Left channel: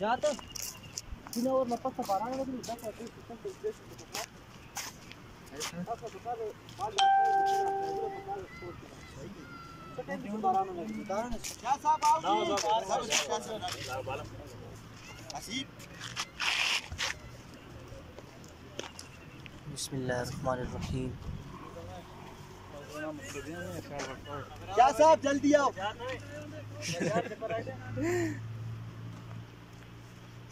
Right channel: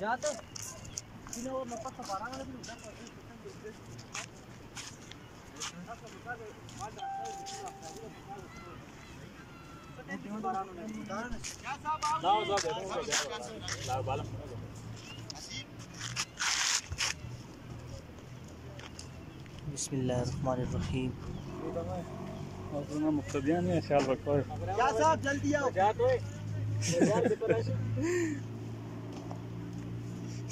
जाता तीन और नपस का 12 मिनट होता है सिस्टम तो बिस्मिल्लाहिर्रहमानिर्रहीम। मुक्तदियां में ख्याल रखो क्या साहब जल्दी आओ।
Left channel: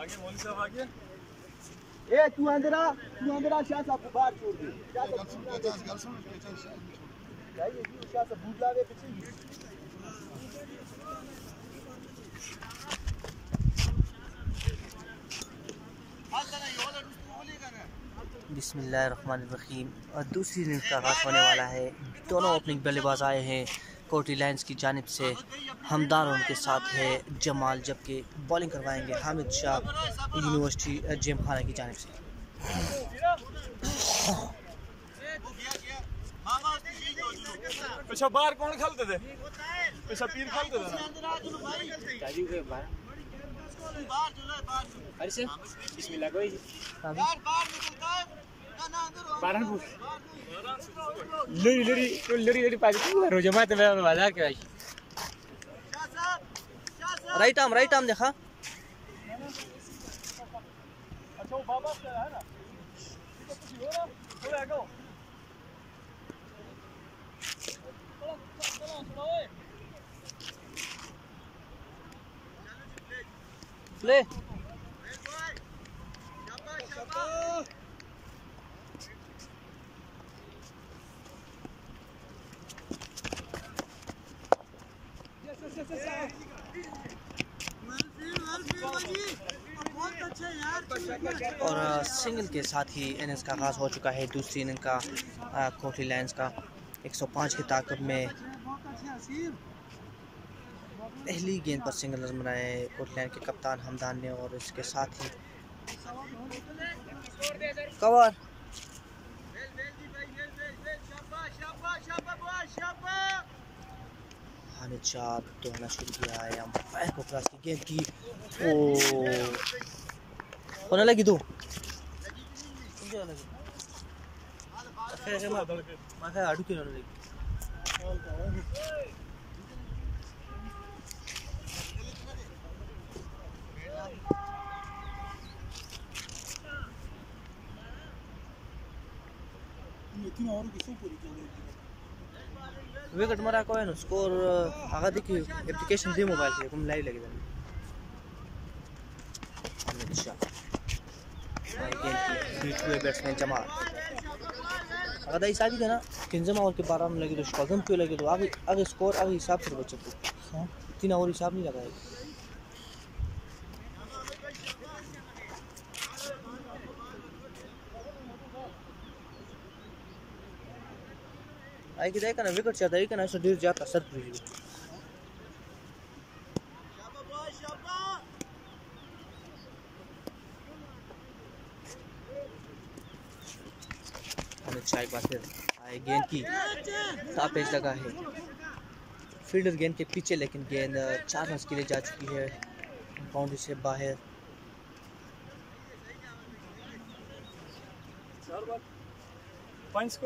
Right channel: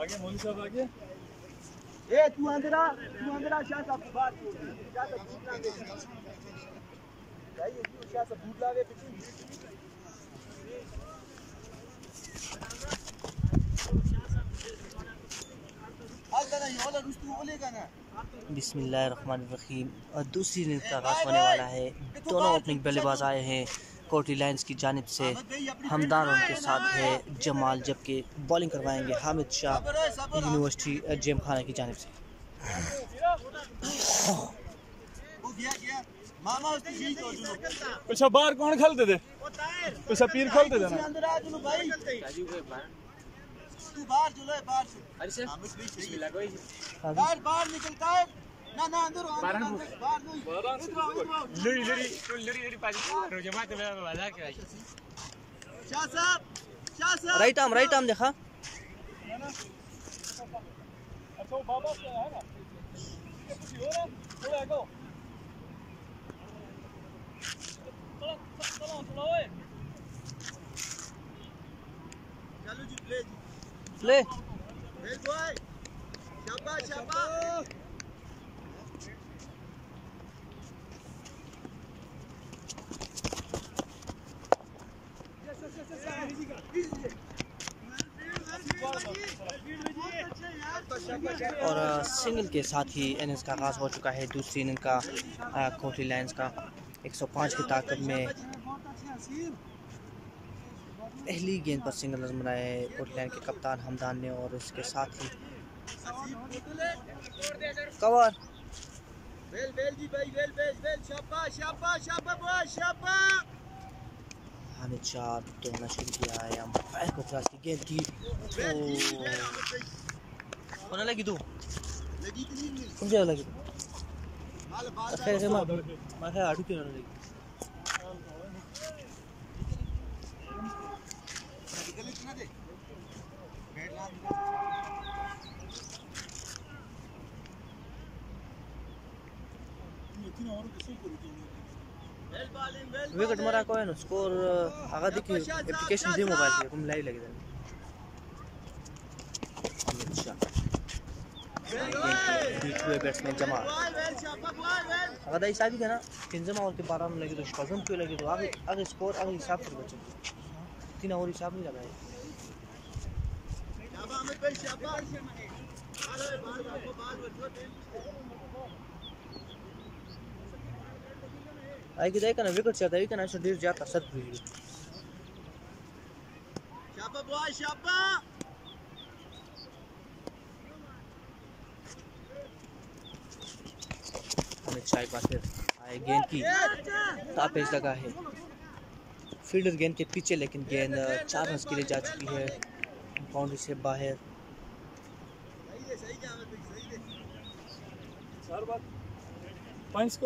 आगे मौलवी साहब आगे ए तू अंदर आ शाह साहब को बाहर छोड़ दे शाह साहब बूट लावे चाहिए जी शाह साहब बूट लावे पीछे बिस्मिल्लाहिर्रहमानिर्रहीम। और दूसरी इनिंग्स का आगाज़ होने वाला है। दोनों ओपनिंग बल्लेबाज आए हैं कोटी लायंस की जानिब से। हमदान उनके साथ है जमाल, जबकि बॉलिंग करवाएंगे हामिद शाह यूनिवर्सिटी जेम खाना की जानिब से। पीछे बाहर कौन खेलते थे? पीछे पीर खेलते थे ना? बाहर निकलता है ना अंदर राइट आर्म देखा। अच्छा वो बाबा से है ना कुछ हो रहा थोड़ा हटो चलो ओए चलो जी प्ले शाबाश और सिंगल के साथ ही इनिंग्स का आगाज़ हो चुका है। दूसरी इनिंग का कोटी लायंस का 105 की ताकत में पहली गेंद पर सिंगल नजर बनाए कोटी लायंस के कप्तान हमदान ने। और इसके साथ ही कवर हामिद शाह दौड़ना शुरू किया है। अंपायर को क्रॉस की गेंद की होने लगी दो समझे लगी ऐसे माथा आड़ू क्यों होने लगी। विकेट मरा को है ना स्कोर आगा देखिए एप्लीकेशन दे मोबाइल पे हम लाइव लगे थे। अच्छा गेंद की बीच हुए बैट्समैन जमाल अगर दाई शादी था ना 3 ओवर के 12 में लगी तो शौजम क्यों लगे तो आगे स्कोर आगे हिसाब से बच्चे को 3 ओवर हिसाब नहीं लगाए। आई कि देखा ना विकेट चाहता है कि ना ऐसा डेढ़ जाता सर पूरी हमें चाय बात आए गेंद की तापेज लगा है फील्डर गेंद के पीछे लेकिन गेंद 4 रन के लिए जा चुकी है बाउंड्री से बाहर। 4 पर 5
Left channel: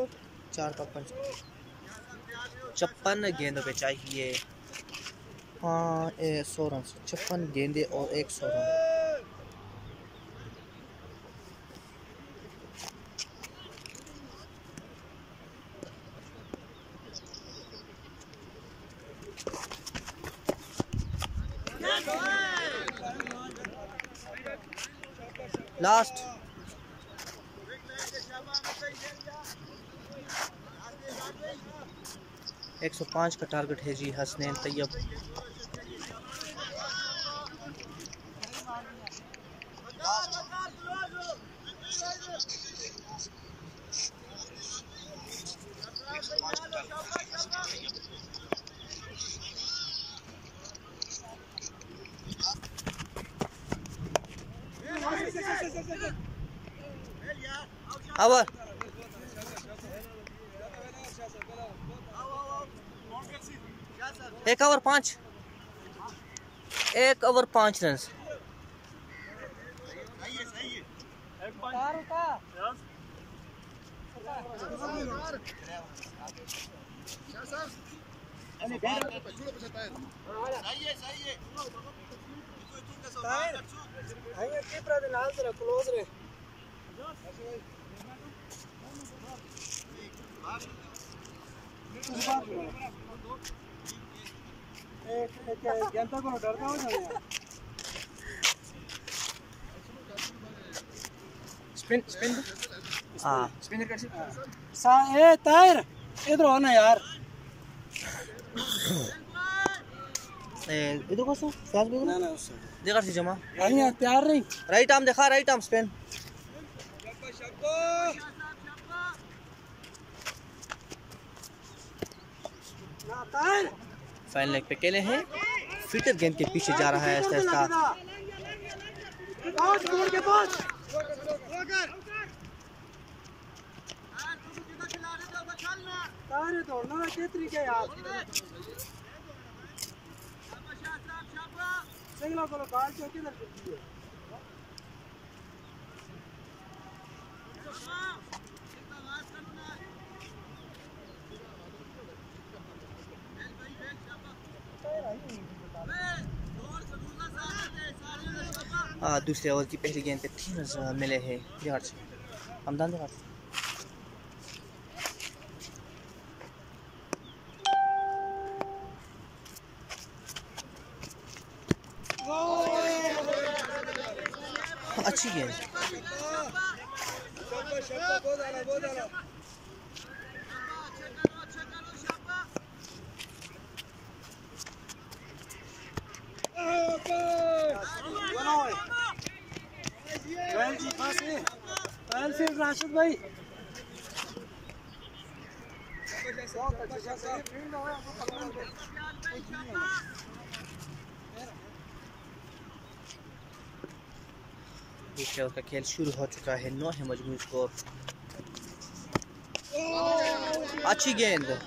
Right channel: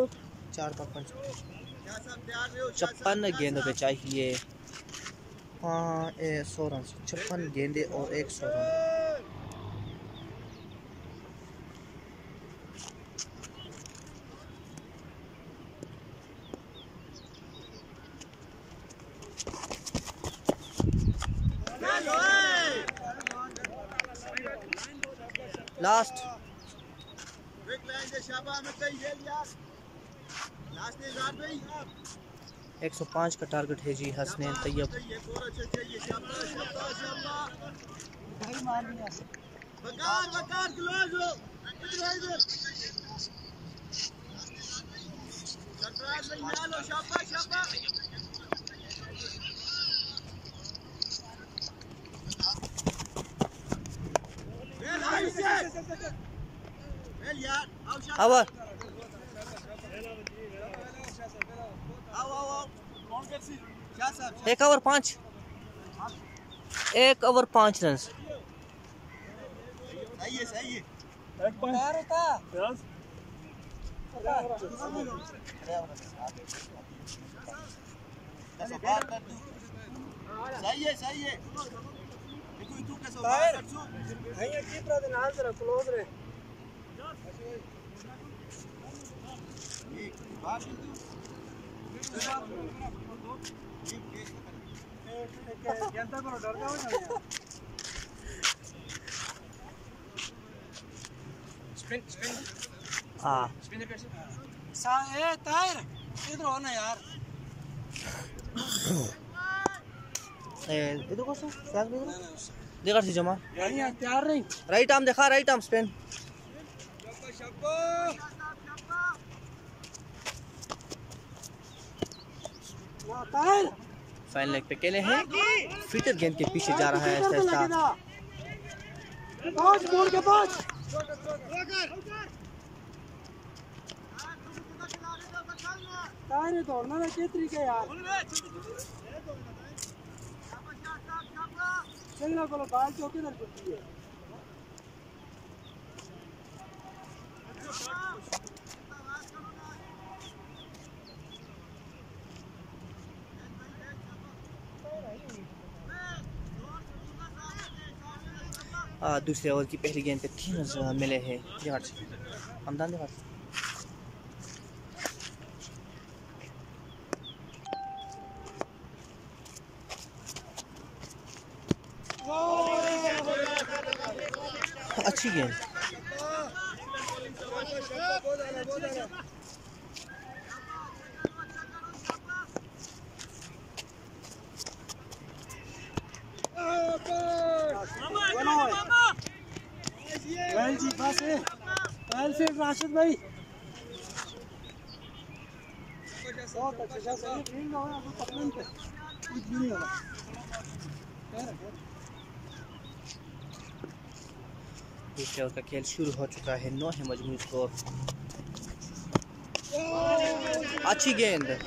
56 गेंदों पे चाहिए 100 रन 56 गेंदे और 100 रन। लास्ट 105 का टारगेट है जी Hasnain Tayyab. Over 1 over 5 run. Spin हाँ ताहिर इधर हो ना यार। इधर को फ्लैश भी देखा सी जमा तैयार नहीं। राइट आर्म देखा, right arm spin. Final leg पे केले हैं, फिटर गेंद के पीछे जा रहा है आहिस्ता आहिस्ता। दौड़ना ना के तरीके यार सिंगला को बाल चौकी इधर चुकी है। दूसरे ओवर की पहली गेंद पे 3 रन मिले हैं दिहाड़ से, हमदान दिहाड़ से। अच्छी गेंद। राशिद भाई दूसरे ओवर का खेल शुरू हो चुका है, 9 है मजमूई स्कोर। अच्छी गेंद।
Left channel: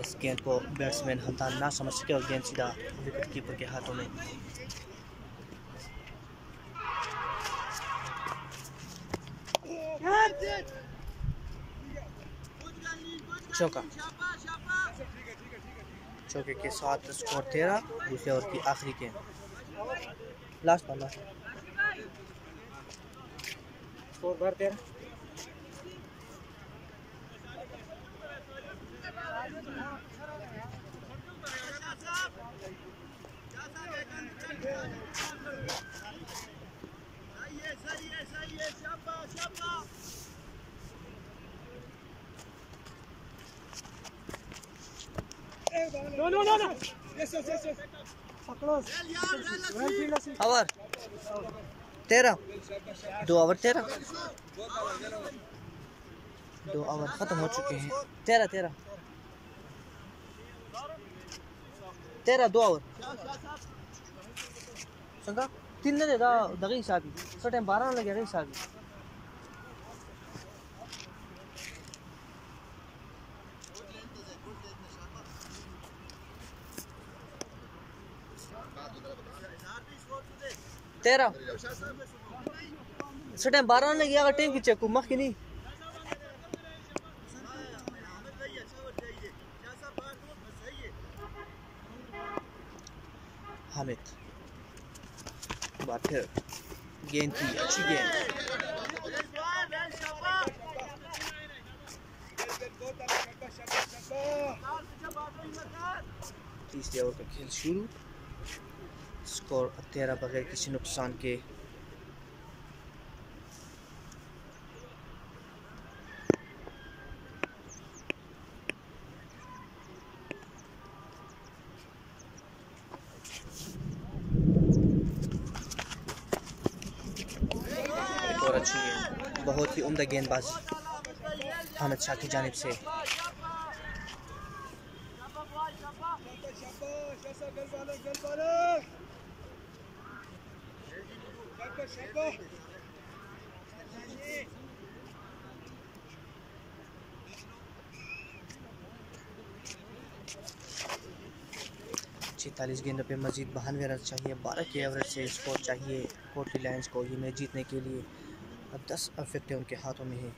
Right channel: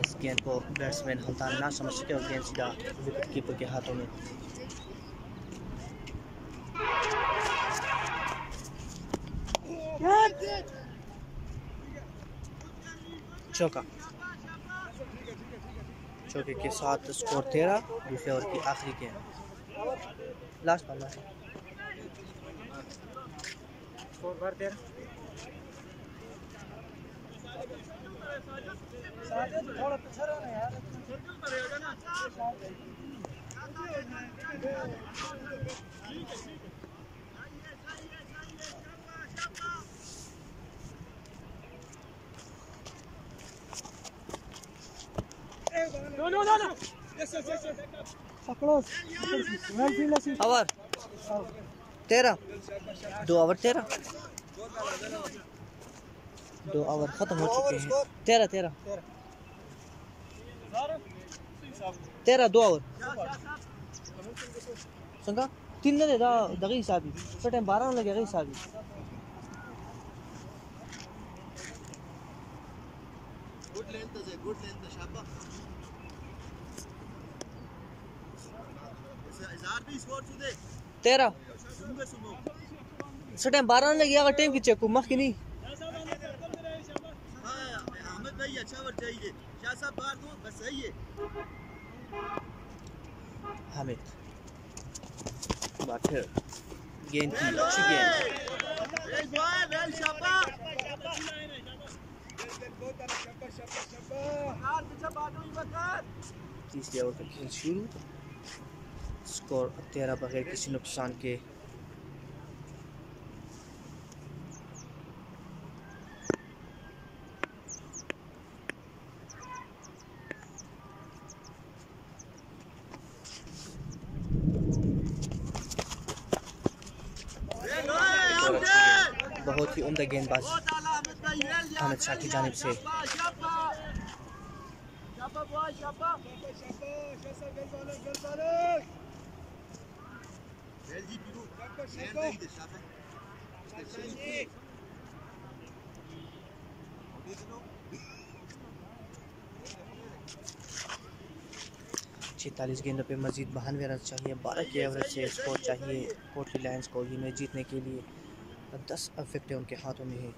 इस गेंद को बैट्समैन हमदान ना समझ सके और गेंद सीधा विकेट कीपर के हाथों में। चौका। चौके के साथ स्कोर 13। दूसरे ओवर की आखिरी गेंद, लास्ट बॉल। स्कोर बार 13। No. Yes. पकड़ो। ओवर 13। 2 ओवर 13। 2 ओवर खत्म हो चुके हैं। 13 2 ओवर संगा 3 ने दा दगी सादी तो टाइम 12 लगे गई सादी। तेरा टाइम 12 लगी अगर टीम की चेक मख की नहीं। हामिद बात फिर गेंद की अच्छी गेंद। तीसरे ओवर का खेल शुरू। स्कोर 13 बगैर किसी नुकसान के। और अच्छी गेंद, बहुत ही उम्दा गेंदबाजी हामिद शाह की जानिब से। छियालीस गेंदों पे मजीद 92 रन चाहिए। 12 के एवरेज से स्कोर चाहिए कोटली लायंस को ये मैच जीतने के लिए। 10 विकेटें उनके हाथों में है।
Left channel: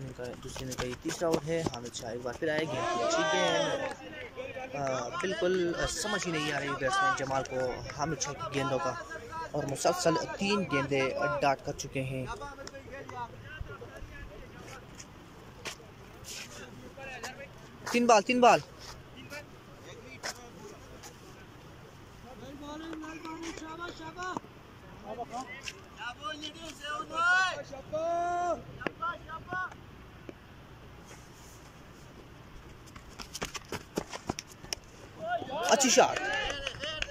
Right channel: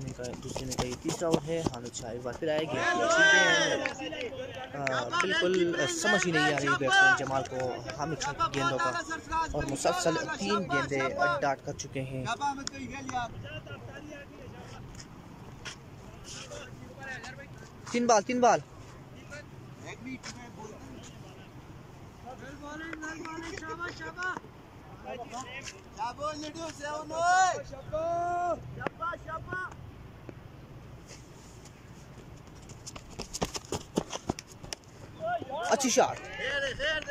इनका दूसरे में का ये तीसरा ओवर है। हामिद शाह एक बार फिर आए। गेंद की अच्छी गेंद, बिल्कुल समझ ही नहीं आ रही बैट्समैन जमाल को हामिद शाह की गेंदों का, और मुसलसल 3 गेंदे डाट कर चुके हैं। तीन बाल अच्छी शॉट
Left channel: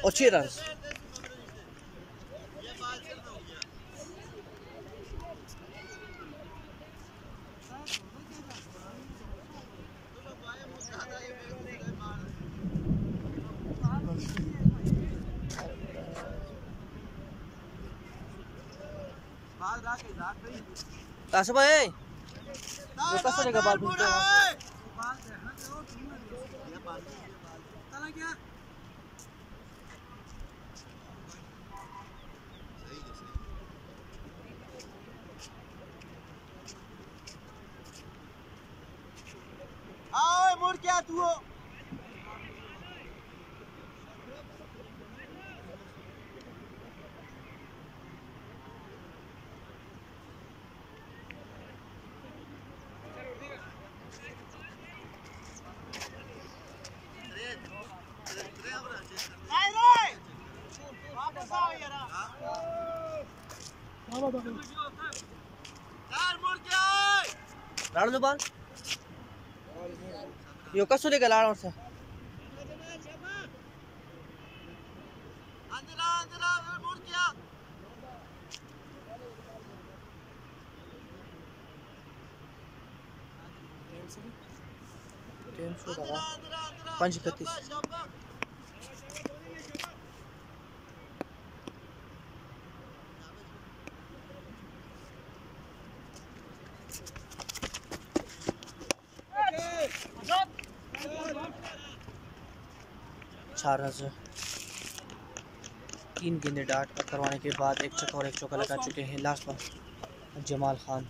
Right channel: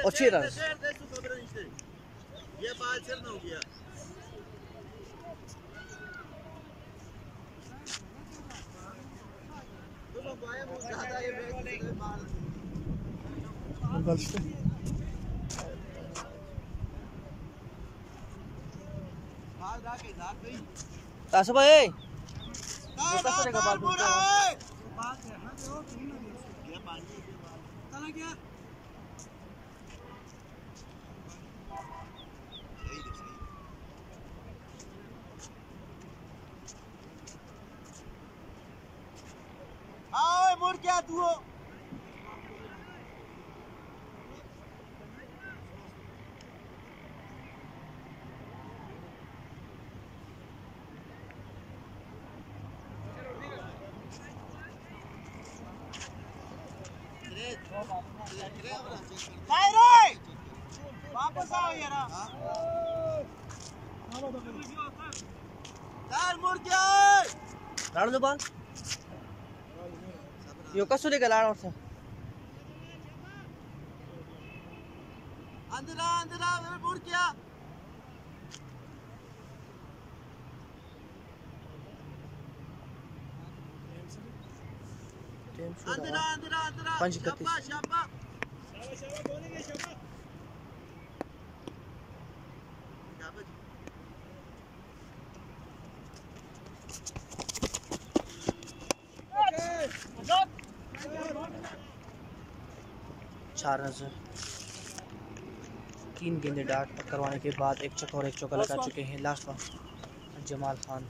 और 6 रन। तासब है वो कैसे देगा बाल पूछते हैं क्या आओ मोड़ क्या तू लाड़ो बाल यो कसो देगा लाड़ो से टाइम शो रहा 5:31। चार रन 3 गेंदे डाट करवाने के बाद एक छक्का और एक चौका लगा चुके हैं लास्ट पर जमाल खान।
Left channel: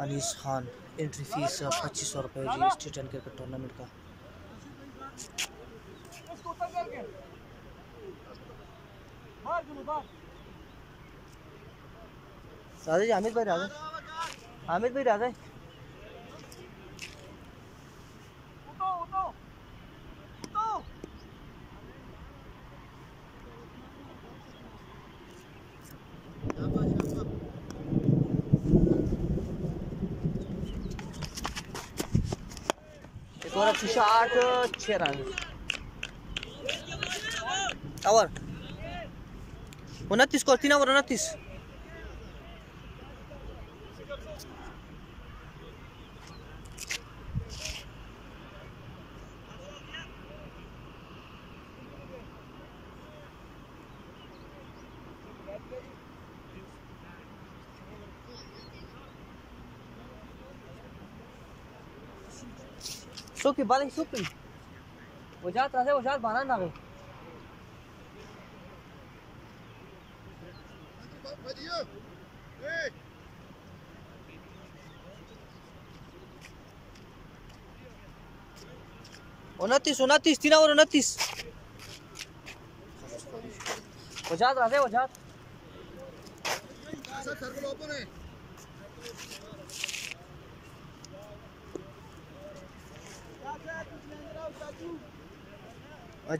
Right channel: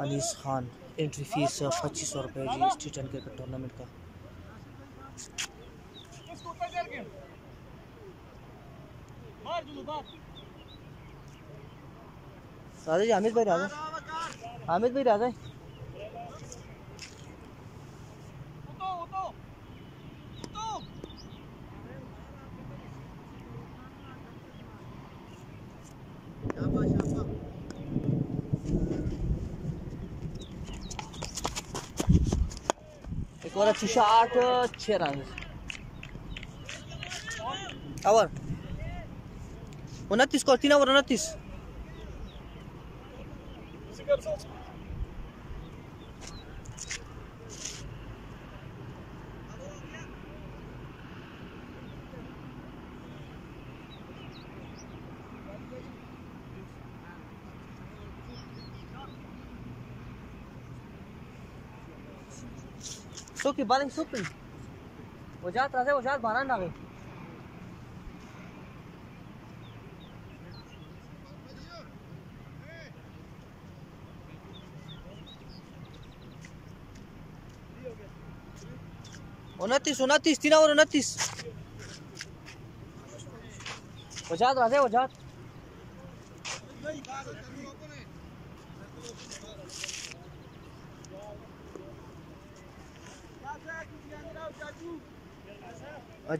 अनीस खान एंट्री फीस 2500 रुपये जी स्टेट क्रिकेट टूर्नामेंट का। राजा जी हामिद भाई राजा एक और अच्छी शॉट 6 रन। ओवर 29 को 3 over 29। Suki baling suki. Wajat rasa wajat banan na gay. उनतीस 3 ओवर 29। वजात राजे वजात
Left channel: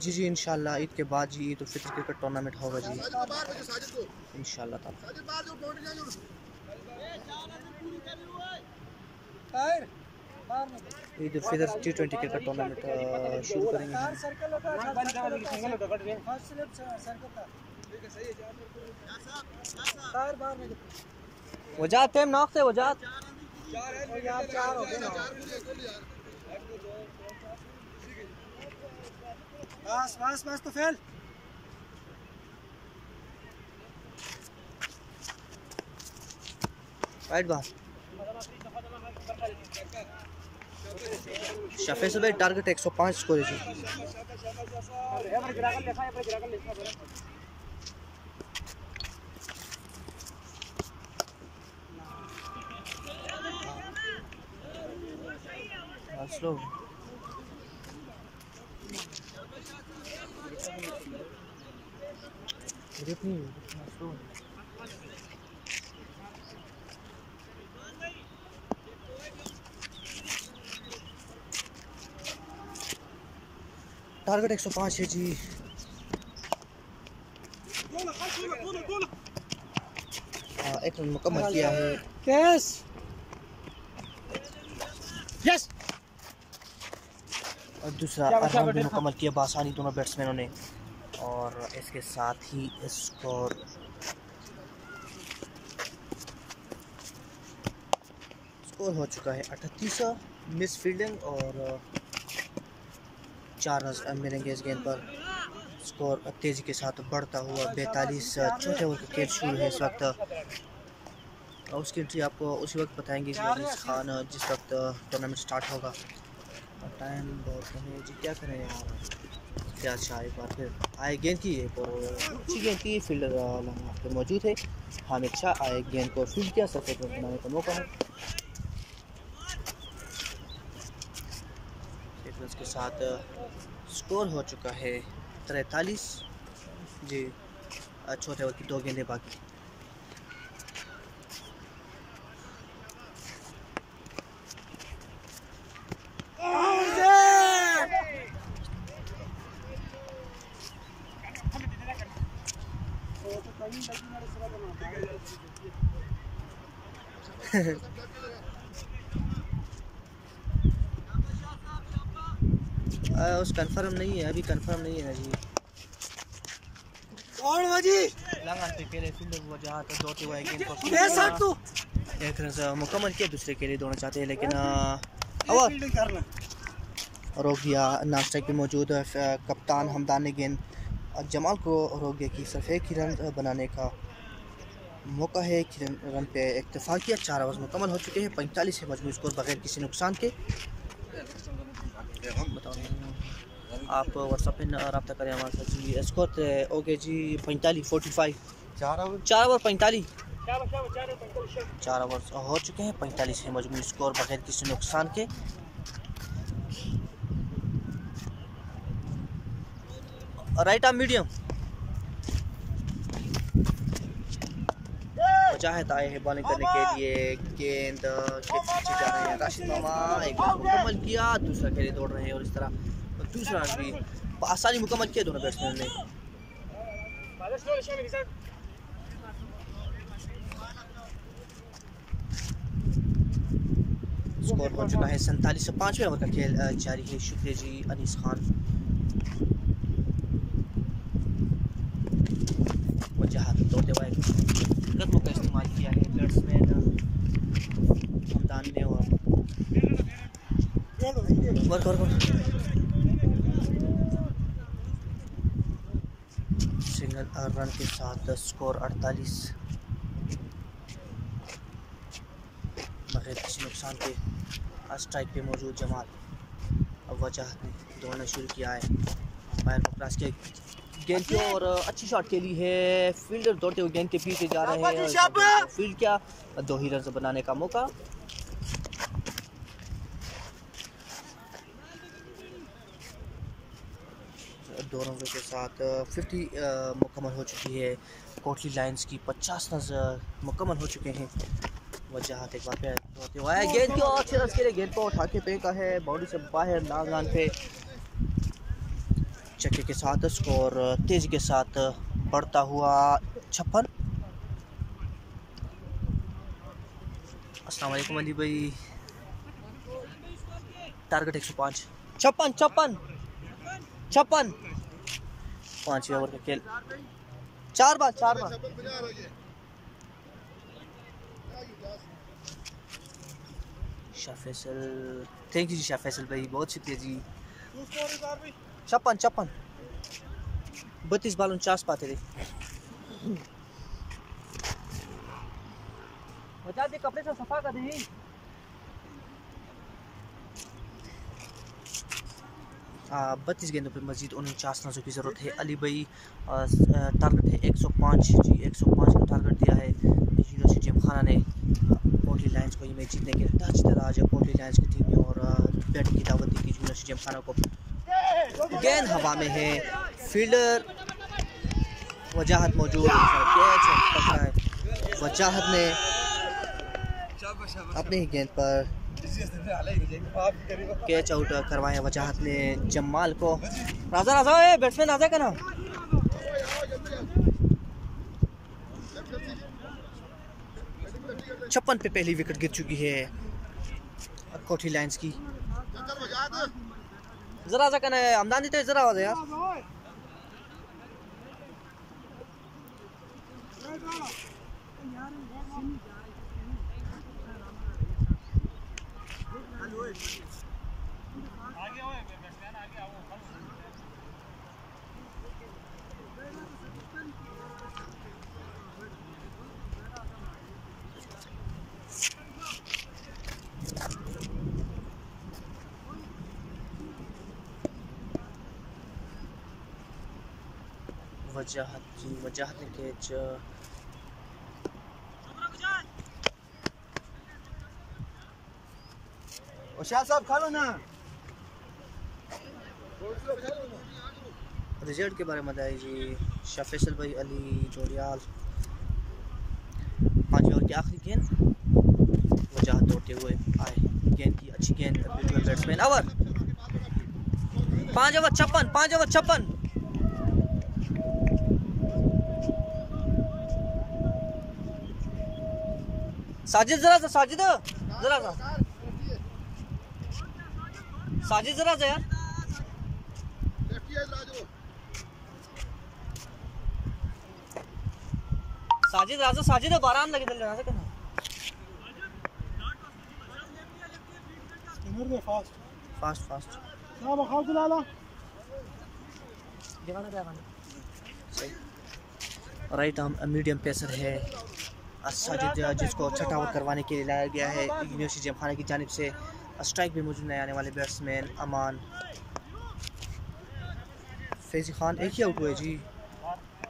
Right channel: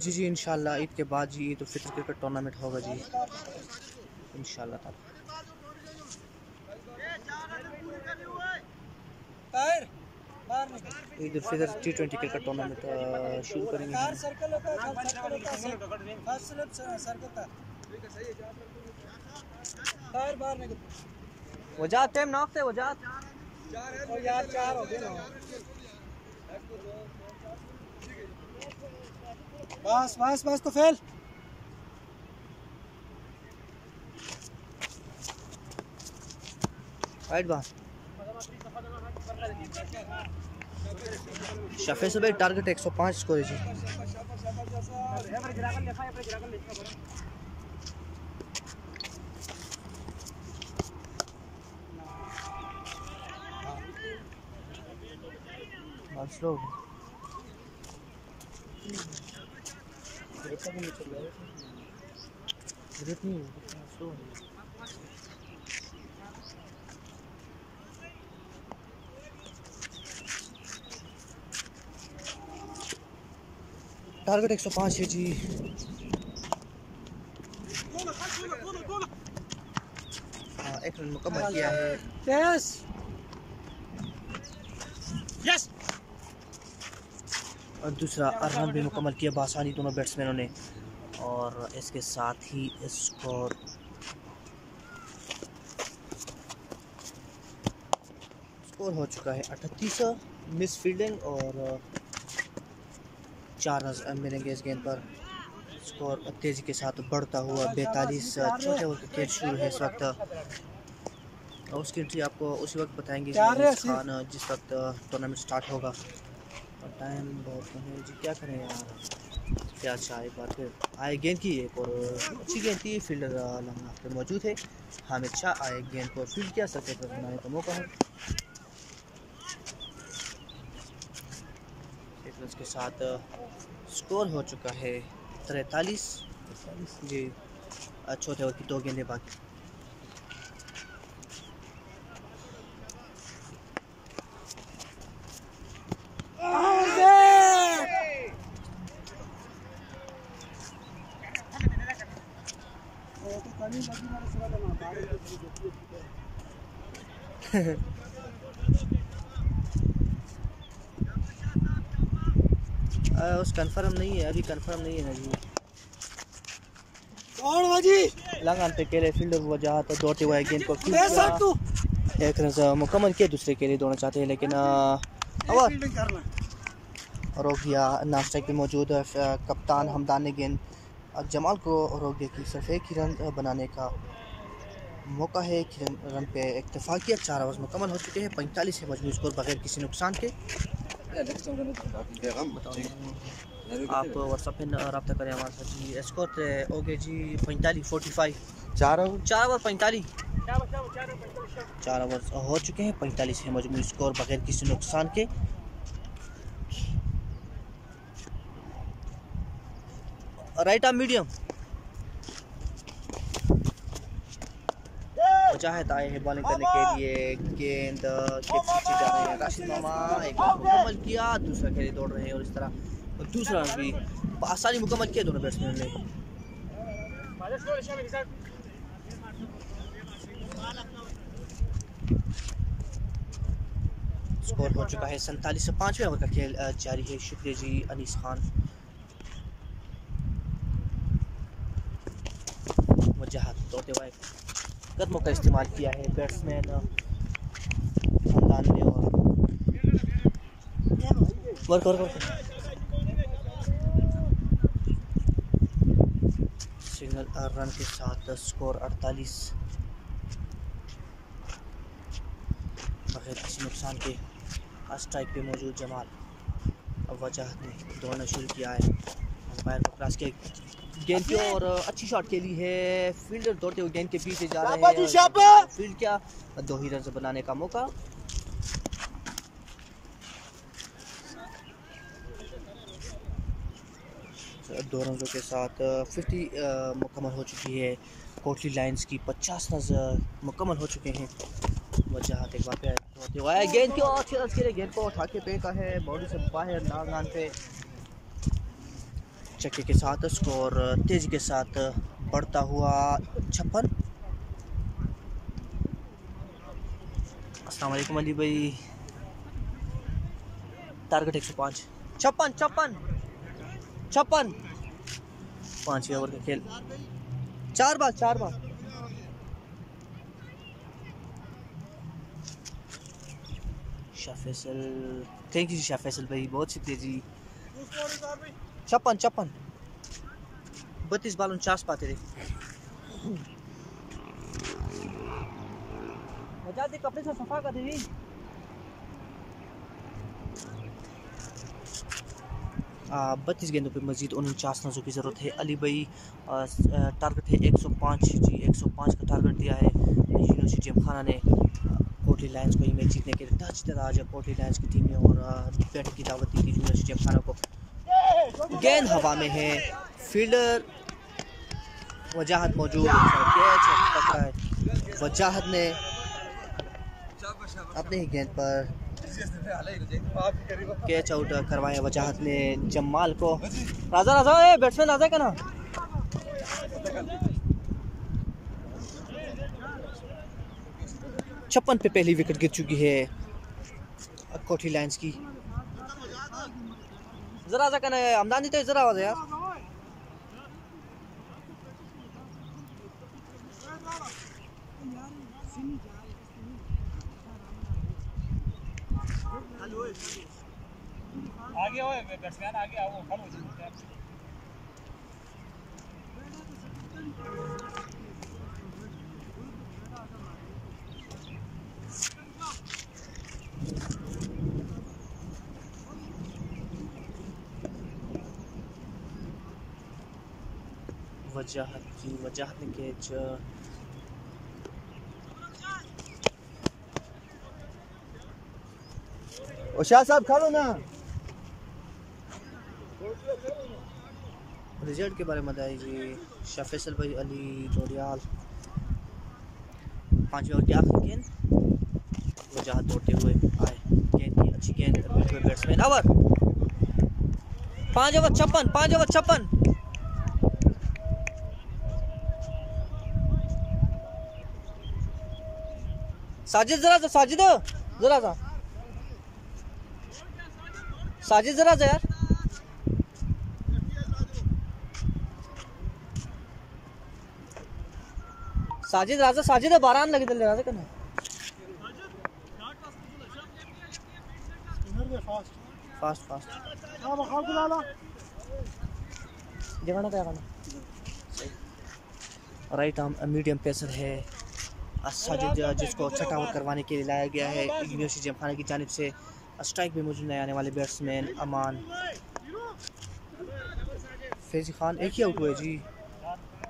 जी जी इंशाल्लाह ईद के बाद जी ईद उल फितर क्रिकेट टूर्नामेंट होगा जी इंशाल्लाह ताला। Eid ul Fitr T20 cricket tournament शुरू करेंगे हम। वजात टाइम नॉक से वजात यार 4 हो गए ना। बस बस बस तो फेल। राइट बार शफे से भाई टारगेट 105 स्कोर है जी। स्लो ग्रिप नहीं स्लो टारगेट 105 है जी। एक रन मुकम्मल किया है। यस यस और दूसरा रन भी मुकम्मल किया बासानी दोनों बैट्समैनों ने। और इसके साथ ही स्कोर हो चुका है 38। मिस फील्डिंग और 4 रन मिलेंगे इस गेंद पर। स्कोर तेज़ी के साथ बढ़ता हुआ 42। चौथे ओवर का खेल शुरू है इस वक्त। उसकी एंट्री आपको उसी वक्त बताएंगे अनीस खान जिस वक्त टूर्नामेंट स्टार्ट होगा। और टाइम बहुत कम है जी, क्या करें यार। क्या अच्छा एक बार फिर आए गेंद की एक और अच्छी गेंद की फील्डर लम्हा पे मौजूद है। हामिद शाह आए गेंद को फील्ड किया, सफेद रन बनाने का मौका है। रन के साथ स्कोर हो चुका है 43 जी। चौथे ओवर की 2 गेंदें बाकी। उस कंफर्म नहीं है, अभी कंफर्म नहीं है ना जी। कौन बाजी लगान पे केले फील्डर वो जहाँ तो दौड़ते हुए गेंद को तू एक रन मुकम्मल किया। दूसरे के लिए दौड़ना चाहते हैं लेकिन फील्डिंग करना रोक दिया। नाम स्ट्राइक पे मौजूद कप्तान हमदान ने गेंद जमाल को रोक दिया कि सिर्फ एक ही रन बनाने का मौका है। एक रन पे इक्तफा किया। 4 ओवर मुकम्मल हो चुके हैं। 45 है मजमूई स्कोर बगैर किसी नुकसान के। आप व्हाट्सएप पे रब्ता करें हमारे साथ जी। स्कोर ओके जी 45 4 ओवर 45 4 ओवर हो चुके हैं। 45 है मजमूई स्कोर बगैर किसी नुकसान के। राइट आर्म मीडियम मुजाहिद आए हैं बॉलिंग करने के लिए। गेंद के पीछे जा रहे हैं राशिद मामा। एक रन मुकम्मल किया। दूसरा खेले दौड़ रहे हैं और इस तरह दूसरा रन भी आसानी मुकम्मल किया दोनों बैट्समैन ने। स्कोर हो चुका है 47। 5वें ओवर का खेल जारी है। शुक्रिया जी अनीस खान। वजह दौड़ते हुए कदमों का इस्तेमाल किया है बैट्समैन ने और सिंगल रन के साथ स्कोर 48 बगैर किसी नुकसान के। स्ट्राइक पे मौजूद जमाल वजह ने दौड़ना शुरू किया है। अंपायर को क्रॉस किया गेंद की और अच्छी शॉट खेली है। फील्डर दौड़ते हुए गेंद के पीछे जा रहे हैं। फील्ड किया 2 ही रन बनाने का मौका। दो रनों के साथ 50 मुकम्मल हो चुकी है। कोटली लाइंस की 50 रन मुकम्मल हो चुके हैं। वजह एक बार फिर दौड़ते हुए गेंद की और 6 रन के लिए गेंद को उठा के फेंका है बाउंड्री से बाहर नागान पे। चक्के के साथ स्कोर तेजी के साथ बढ़ता हुआ 56। अस्सलाम वालेकुम अली भाई। टारगेट 105 56 5वें ओवर का खेल। 4 बार शाह फैसल, थैंक यू जी शाह फैसल भाई, बहुत शुक्रिया जी। 56 32 बाल 49 पाते थे। बचा दे कपड़े से सफा कर दे। 32 गेंदों पे मजीद 49 रनों की ज़रूरत है। अली भाई टारगेट है 105 जी, 105 का टारगेट दिया है यूनिवर्सिटी जिमखाना ने कोटली लायंस को। ये मैच जीतने के लिए टच दिया आज कोटली लायंस की टीम ने और बैटिंग की दावत दी थी यूनिवर्सिटी जिमखाना को। गेंद हवा में है, फील्डर वजाहत मौजूद, कैच पकड़ा है। वजाहत ने अपने ही गेंद पर कैच आउट करवाया वजाहत ने जमाल को। राजा राजा ए बैट्समैन राजा का ना 56 पे पहली विकेट गिर चुकी है कोटली लायंस की। जरा सा कहना है हमदानी तो जरा आवाज यार। आगे आओ बैट्समैन, आगे आओ। वजाहत ने कैच शाह साहब खा लो ना। रिजल्ट के बारे में बताइए जी। शाह फैसल भाई अली डोरियाल 5 ओवर की आखिरी गेंद, वजाहत दौड़ते हुए आए। गेंद की अच्छी गेंद बैट्समैन ओवर 5 ओवर 56। साजिद जरा सा, साजिद जरा सा, साजिद जरा सा यार। साजिद राजा, साजिद 12 रन लगे चल राजा करना। फास्ट हां बखाओ बुला ला। जगह क्या करना सही। राइट आर्म मीडियम पेसर है साजिद, जिसको छठा ओवर करवाने के लिए लाया गया है यूनिवर्सिटी जिमखाना की जानिब से। स्ट्राइक में मौजूद नए आने वाले बैट्समैन अमान फैजी खान एक ही आउट हुए जी।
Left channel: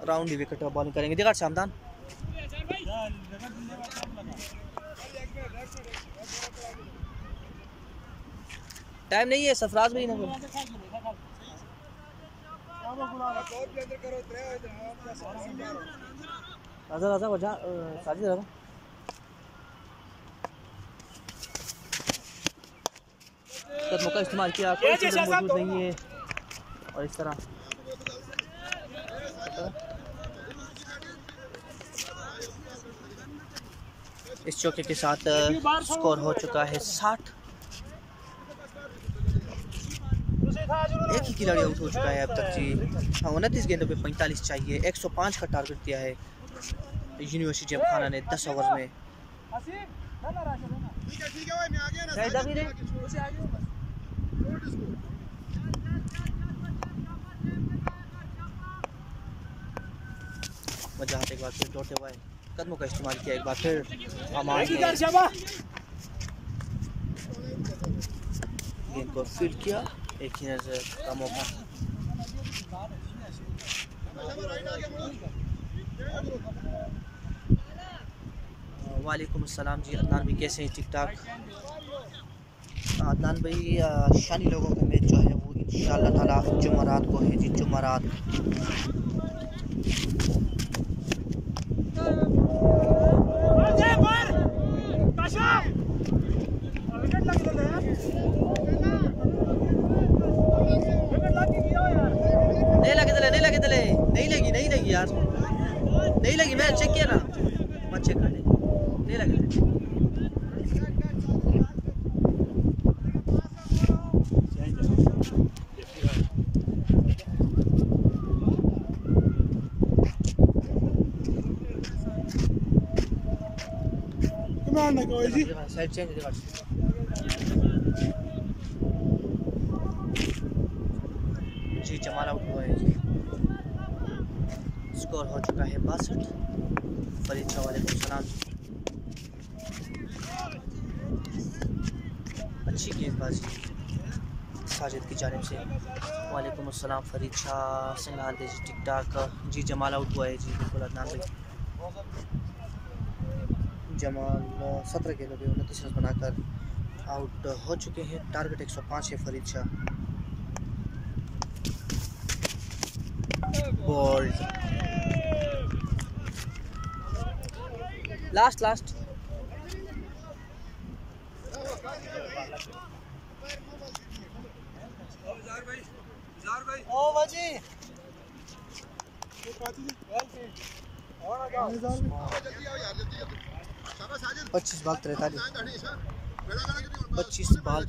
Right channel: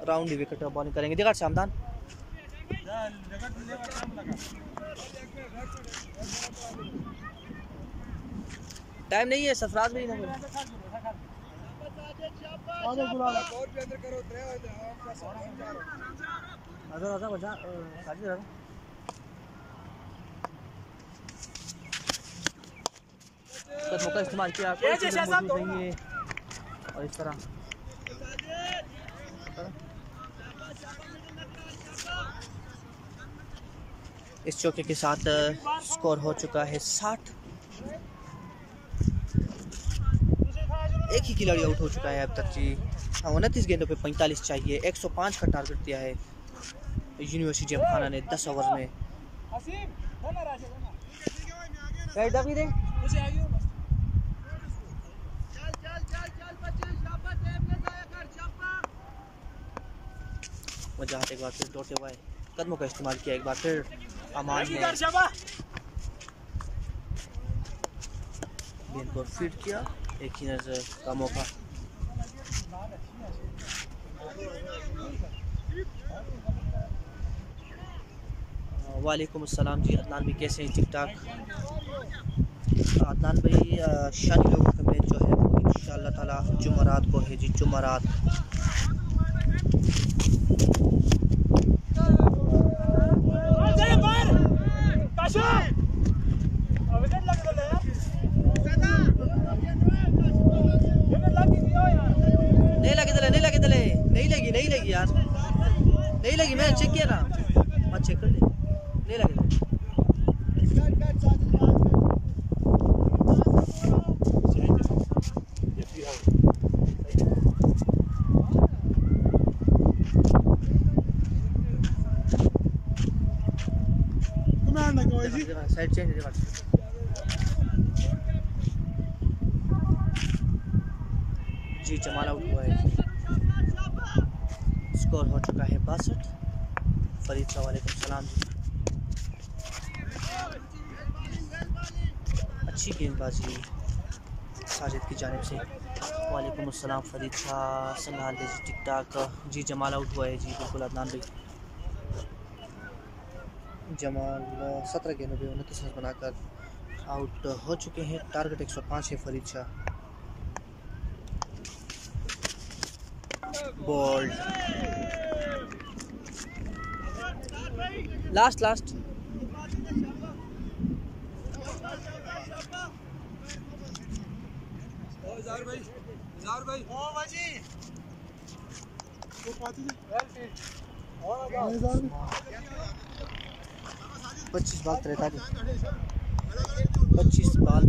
राउंड विकेट बॉलिंग करेंगे दिगाड़ से हमदान। टाइम नहीं है सरफराज में ही ना राजा वजह साजिद राजा कदमों का इस्तेमाल किया, कोई फील्डर मौजूद नहीं है और इस तरह इस चौके के साथ स्कोर हो चुका है 60। एक ही खिलाड़ी आउट हो चुका है अब तक जी। 29 गेंदों पे 45 चाहिए। 105 का टारगेट दिया है यूनिवर्सिटी जिमखाना ने 10 ओवर में। वजाहत एक बार फिर दौड़ते हुए कदमों का इस्तेमाल किया, एक बार फिर अमान ने गेंद को फील्ड किया। एक ही नजर का मौका। वालेकुम अस्सलाम जी अदनान भाई, कैसे हैं? ठीक ठाक। अदनान भाई शानी लोगों का मैच जो है इंशाअल्लाह ताला जुमेरात को है जी, जुमेरात। नहीं लगी यार, नहीं लगी। मैं चेक किया ना, मत चेक कर ले, नहीं लगी। साइड चेंज जी जमाल आउट हुआ है जी। स्कोर हो चुका है 62। फरीद शाह वालेकुम सलाम जी। अच्छी गेंदबाजी साजिद की जानिब से। वालेकुम अस्सलाम फरीद शाह संगाल जी टिक टाक। जी जमाल आउट हुआ है जी बिल्कुल अदनान भाई। जमाल 17 गेंदों पे 29 रन बनाकर आउट हो चुके हैं। टारगेट 105 है फरीद शाह। बॉल्ड लास्ट पच्चीस बाल 43 62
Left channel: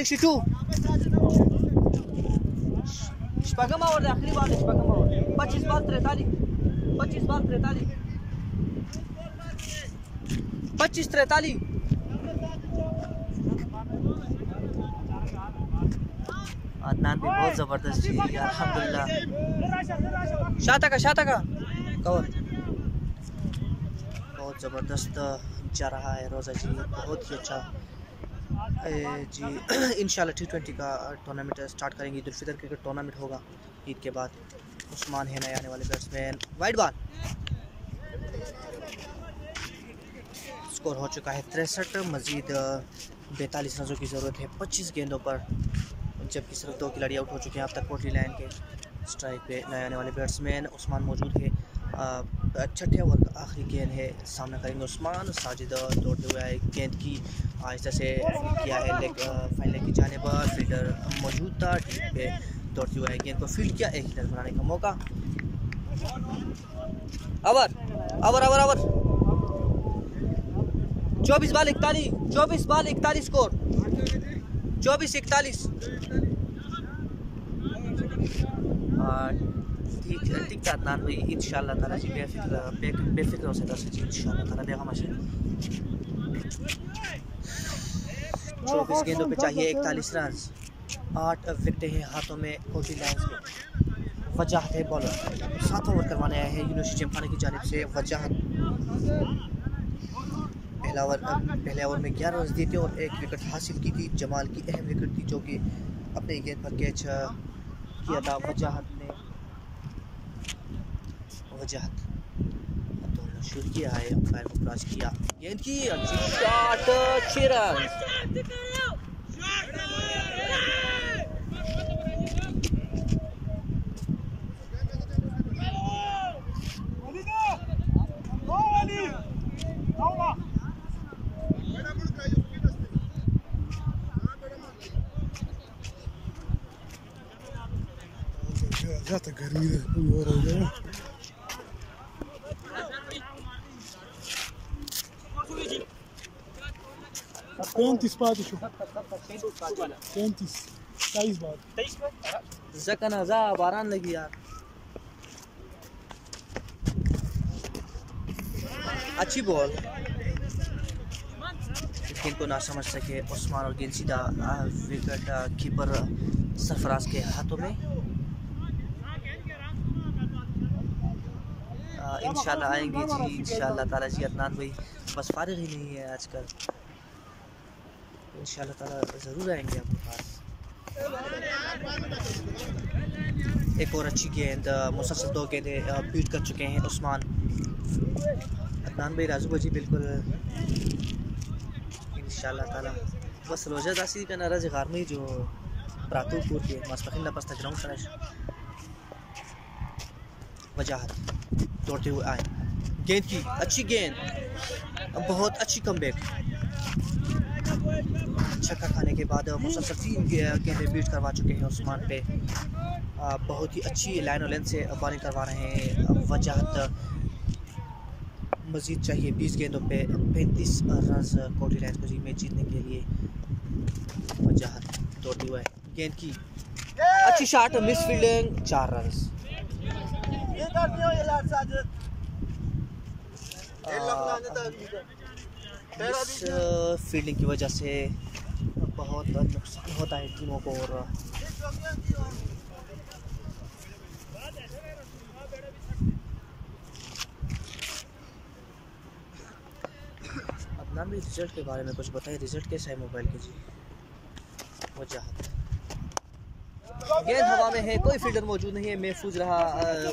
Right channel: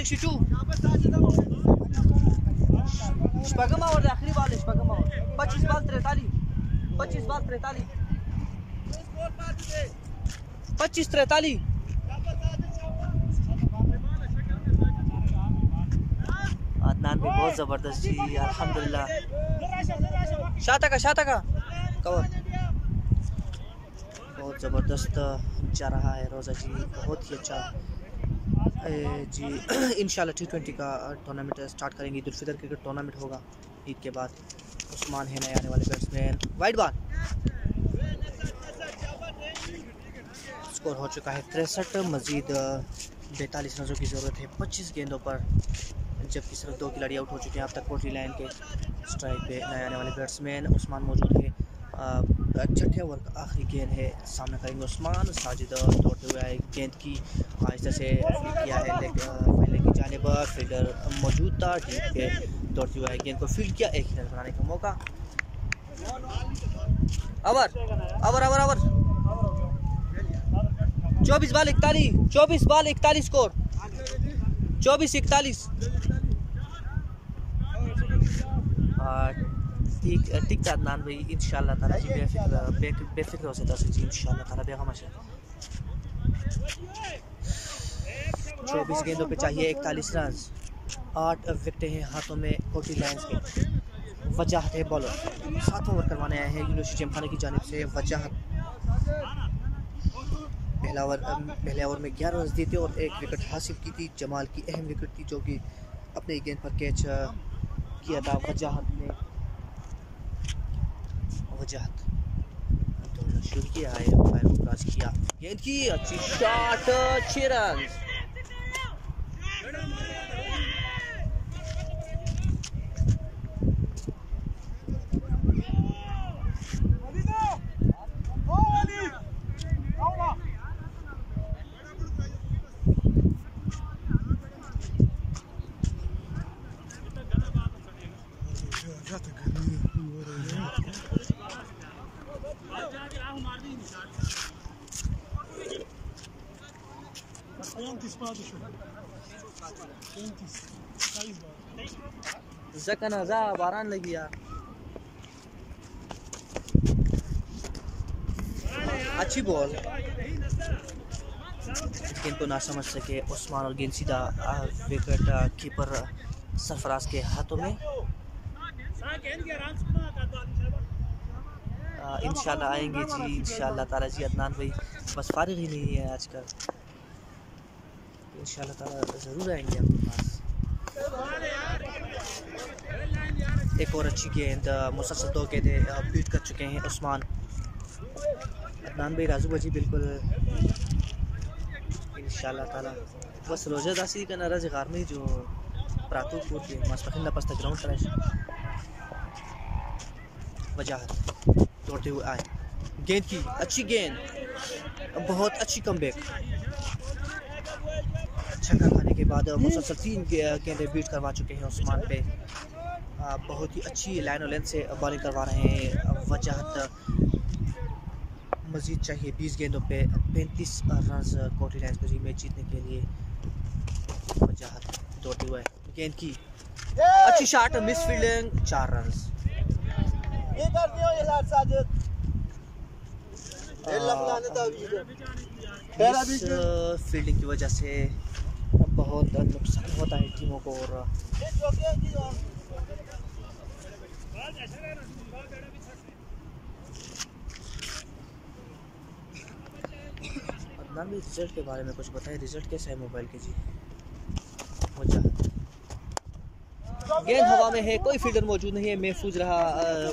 62 शपगम और आखिरी बाल है शपगम और 25 बाल 43 अदनान भी बहुत ज़बरदस्त जी अल्हम्दुलिल्लाह। शाता का कवर बहुत ज़बरदस्त जा रहा है रोज़ा जी, बहुत ही अच्छा जी। इंशाल्लाह T20 का टूर्नामेंट स्टार्ट करेंगे। ईद उल फितर क्रिकेट टूर्नामेंट होगा ईद के बाद। उस्मान है नए आने वाले बैट्समैन। वाइड बॉल स्कोर हो चुका है 63। मज़ीद 42 रनों की ज़रूरत है 25 गेंदों पर, जबकि सिर्फ 2 खिलाड़ी आउट हो चुके हैं अब तक। कोटली लाइन के स्ट्राइक पे नए आने वाले बैट्समैन उस्मान मौजूद है। छठे ओवर का आखिरी गेंद है, सामना करेंगे उस्मान। साजिद दौड़ते हुए आए, गेंद की आहिस्ता से किया है फाइन लेग की जानिब। फील्डर मौजूद था डीप पे, दौड़ते हुए आए, गेंद को फील्ड किया। एक रन बनाने का मौका। Over 24 ball 41 score 24-41। ठीक था अदनान भाई। इंशाल्लाह ताला जी बेफिक्र हो सकता है जी इंशाल्लाह ताला बेगम से। 24 गेंदों पे चाहिए 41 रन। 8 विकेटें हैं हाथों में कोटली लायंस के। वजाहत है बॉलर, 7 ओवर करवाने आए हैं यूनुस जिमखाना की जानिब से। वजाहत पहले ओवर में 11 रन दिए थे और 1 विकेट हासिल की थी। जमाल की अहम विकेट थी जो कि अपने गेंद पर कैच किया था वजाहत ने। वजाहत दौड़ना शुरू किया है, अंपायर को क्रॉस किया, गेंद की अच्छी शॉट 6 रन। जाता गर्मी है कोई और हो गया। जकना जा बारान लगी यार। अच्छी बॉल, गेंद को ना समझ सके उस्मान और गेंद सीधा विकेट कीपर सरफराज के हाथों में। इंशाल्लाह आएंगे जी इंशाल्लाह ताला जी। अदनान भाई बस फारिग ही नहीं है आजकल, इंशाल्लाह ताला ज़रूर आएंगे आपके पास। एक और अच्छी गेंद, मुसलसल 2 गेंदें बीट कर चुके हैं उस्मान। अदनान भाई राजू भाजी बिल्कुल इंशाल्लाह ताला बस रोजा दासी का नाराज गारमी जो प्रातु पूर के मस्तखिल पस्ता ग्राउंड सराय। वजाहत दौड़ते हुए आए, गेंद की अच्छी गेंद, बहुत अच्छी कमबैक। छक्का खाने के बाद मुसलसल 3 गेंदें बीट करवा चुके हैं उस्मान पे। बहुत ही अच्छी लाइन और लेंथ से बॉलिंग करवा रहे हैं वजाहत। मजीद चाहिए 20 गेंदों पे 35 रन कोटली लाइन्स को जी मैच जीतने के लिए। वजाहत दौड़ते हुए गेंद की अच्छी शॉट, मिस फील्डिंग, 4 रन। इस फील्डिंग की वजह से बहुत नुकसान होता है टीमों को। और अदनान भी रिजल्ट के बारे में कुछ बताइए, रिजल्ट कैसा है मोबाइल के जी? वजह गेंद हवा में है, कोई फील्डर मौजूद नहीं है, महफूज रहा।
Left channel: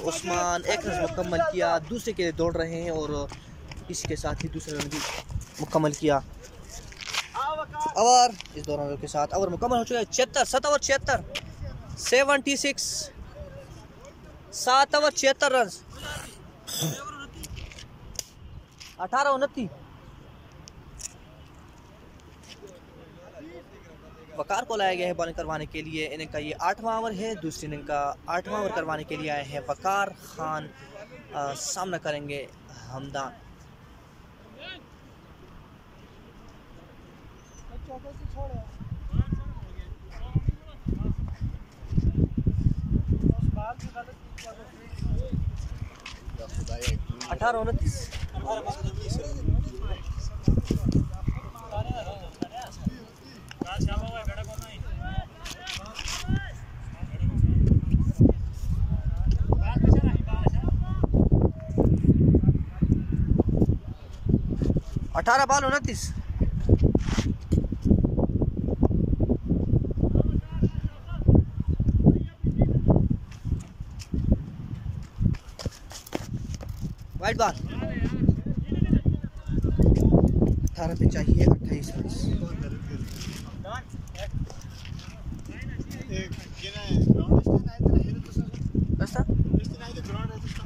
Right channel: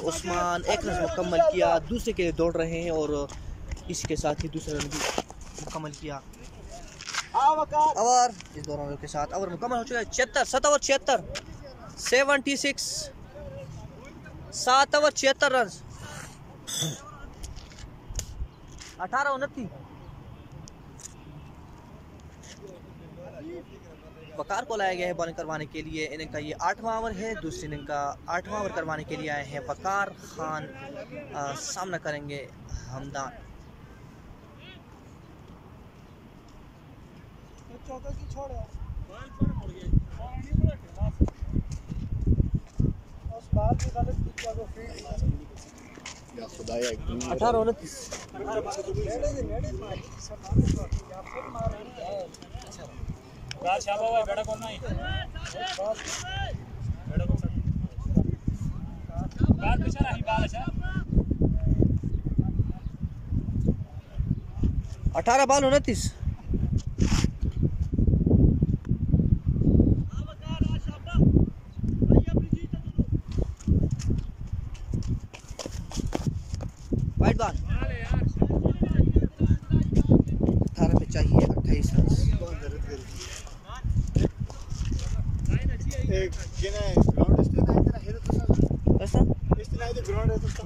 उस्मान एक रन मुकम्मल किया, दूसरे के लिए दौड़ रहे हैं और इसी के साथ ही दूसरा रन भी मुकम्मल किया। ओवर इस दौरान के साथ ओवर मुकम्मल हो चुका है। 76 7 ओवर 76 76 7 ओवर 76 रन 18-29। वकार को लाया गया है बॉलिंग करवाने के लिए। इनिंग का ये 8वां ओवर है, दूसरी इनिंग का 8वां ओवर करवाने के लिए आए हैं वकार खान। सामना करेंगे हमदान। या खुदाया 18-29। अठारह बॉल 29। वाइड बॉल 18 पे चाहिए 28 रन।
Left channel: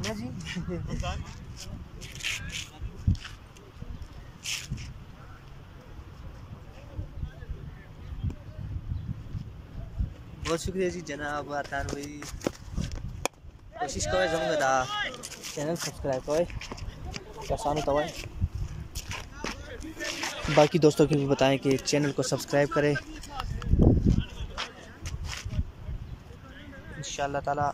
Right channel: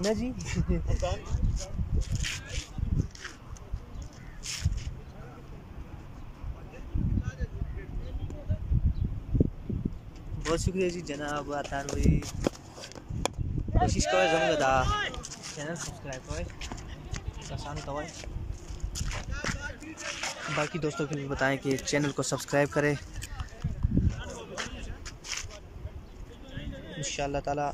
जी बहुत शुक्रिया जी जनाब अदनान भाई। कोशिश करो जमूंगा चैनल सब्सक्राइब करो, आसान होता है। बाकी दोस्तों को भी बताएं कि चैनल को सब्सक्राइब करें इंशाअल्लाह ताला।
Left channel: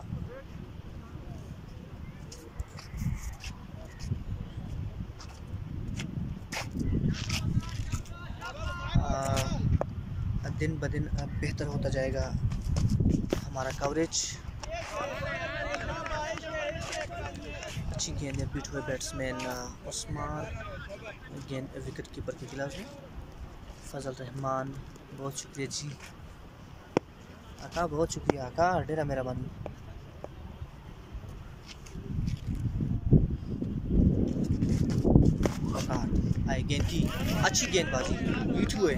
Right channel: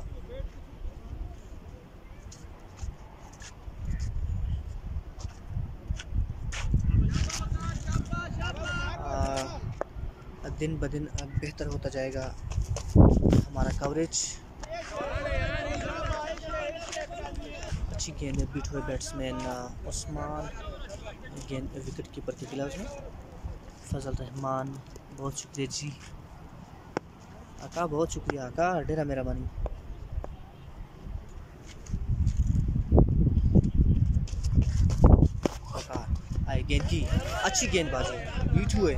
दिन ब दिन बेहतर होता जाएगा हमारा कवरेज। अच्छी गेंद है, बीट हुए बैट्समैन उस्मान, गेंद विकेट कीपर के खिलाफ है। फजल रहमान बहुत शुक्रिया जी आका, बहुत शुक्रिया आका, डेरा मेरा मानी। आए गेंद की अच्छी गेंदबाजी, बीट हुए।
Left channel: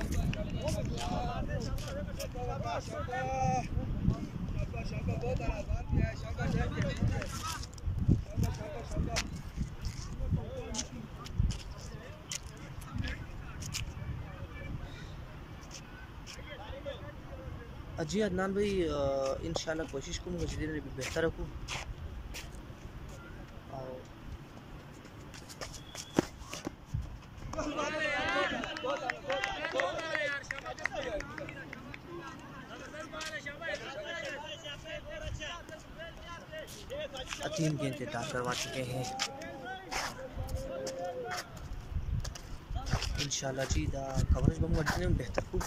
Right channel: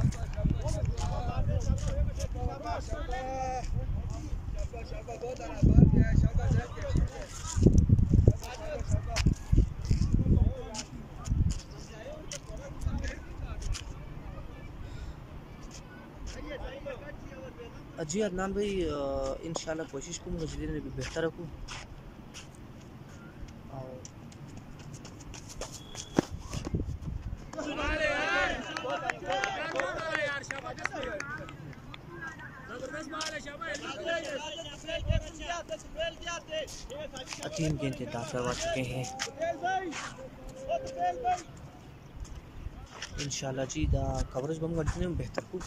जी अदनान भाई इंशाल्लाह कोशिश करूँगा जितने भी बेहतर रखूँ। तीन गेंद दांत करवा चुके हैं इंशाल्लाह जी। दा कवरेज बम जितने में बेहतर को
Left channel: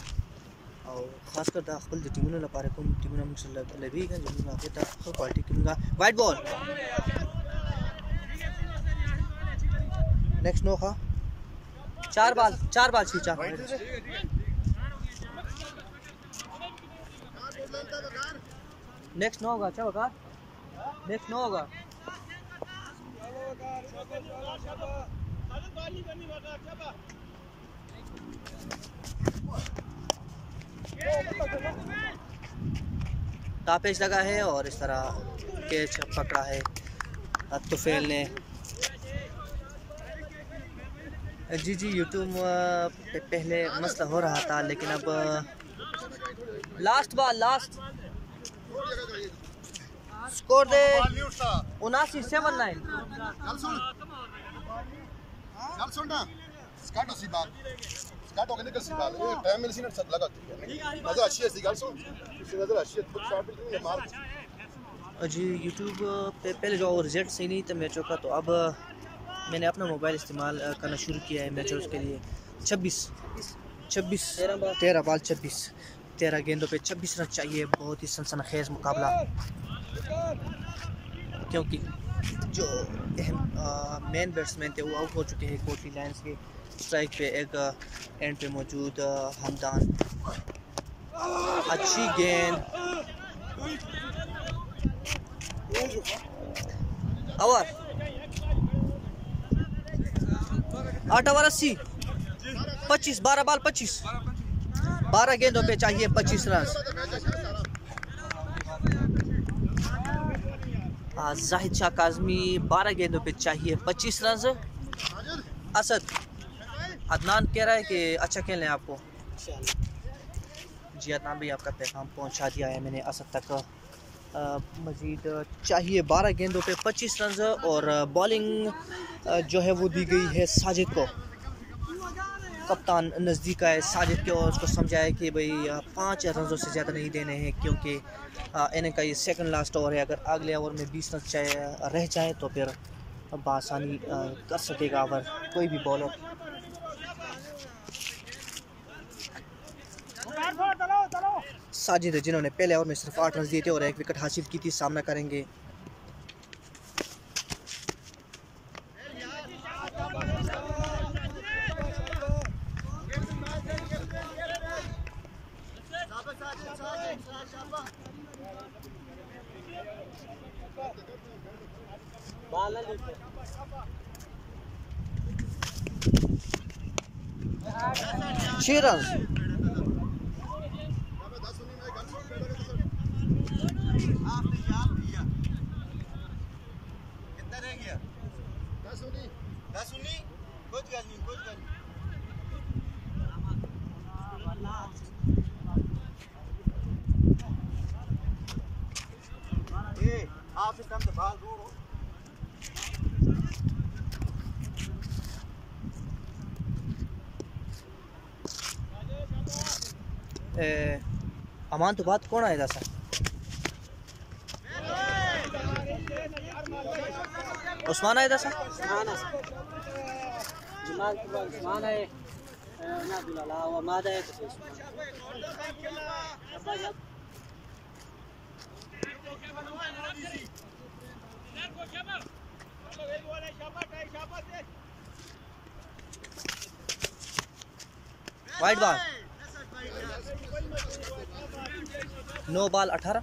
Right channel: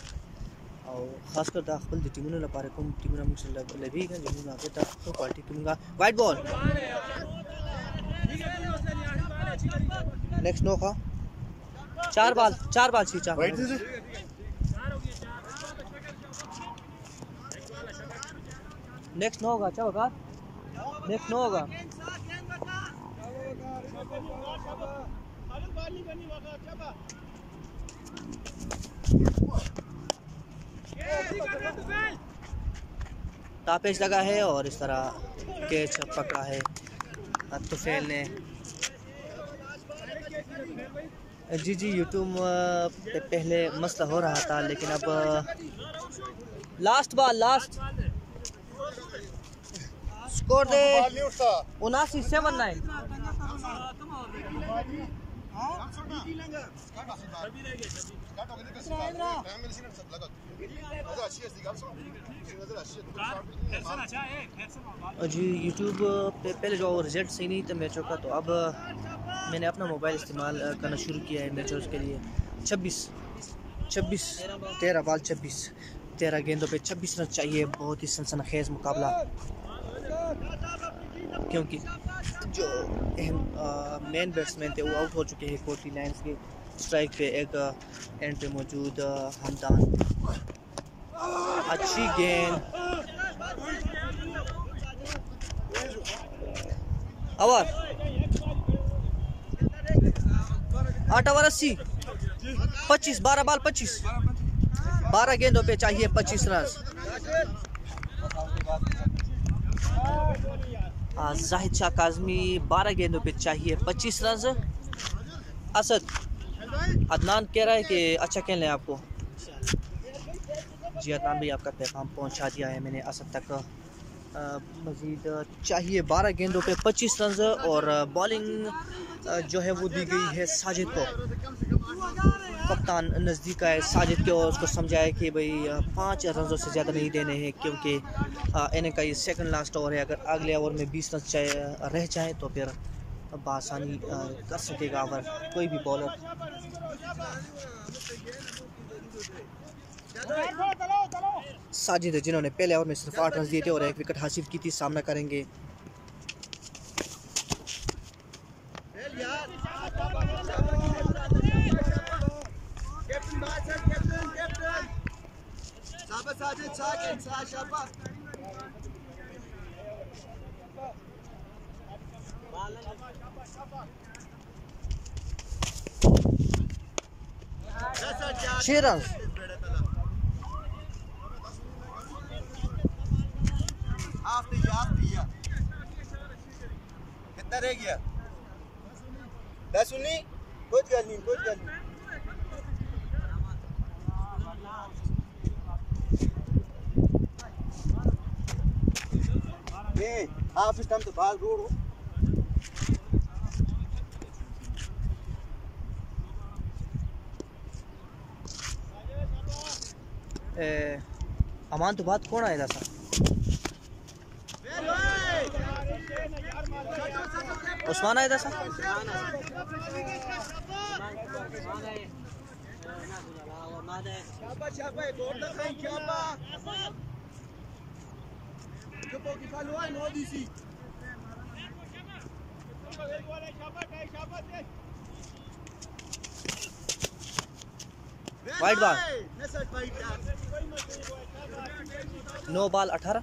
और खासकर दा खपल टीमों ला पारे कोम टीमों में लभी का जमुना के दा क्वालिटी कीमगा। वाइड बॉल नेक्स्ट नो का 4 बाल खींचा। नेक्स्ट नो होगा, क्या होगा नेक्स्ट नो होगा। तापेश लगा है और इस तरह कैच पकड़ा है तुफेल ने। जी यूट्यूब पे पहले मसला हो रहा था लेकिन अब लास्ट स्कोर दे 79-79। जी यूट्यूब पे पहले जो रिजल्ट सही नहीं था मैचों का, तो अब मैंने अपना मोबाइल इस्तेमाल करना शुरू किया है मैचेस के लिए। 13 बॉल 13 गेंदों पे 26 रन चाहिए। बहुत ही सनसनीखेज मुकाबला, क्योंकि जो अहम मेन बैट्समैन थे वो आउट हो चुके हैं कोटी लायंस के। स्ट्राइक पे एक एंड पे मौजूद हमदान, अच्छी गेंद, ओवर 8 ओवर 80, 25, 12 बॉल 25, 12 गेंदों पे चाहिए 25 रन। जाहिद शाह काज़मी 12 गेंदों पे चाहिए 25 रन। असद अदनान कह रहा है कि अच्छा खेलना है आपको। जी अदनान भाई, आपका पैगाम पहुंचा दिया है मैंने असद तक। मज़ीद चाहिए 12 गेंदों पे 25 रन और बॉलिंग जो है वो दी गई है साजिद को। कप्तान नज़दीक आए साजिद के और उसको समझाया कि भाई 5 रनों से ज़्यादा नहीं देने हैं, क्योंकि इन्हें का ये सेकंड लास्ट ओवर है। अगर अगले ओवर में 20 रन रह जाए तो फिर बआसानी कर सकेगा ओवर कोई भी बॉलर। साजिद है जिन्होंने पहले ओवर में सिर्फ 8 रन दिए थे और 1 विकेट हासिल की थी, सामना करेंगे छह रन। कितना रह गया? 10 19, कुछ गल नहीं, कुछ गल नहीं। ये हाफ इस टाइम तो बाल रोड हो। अमान तो बात कौन आएगा सर? उस्मान आएगा sir? Wide ball 9 ball 18।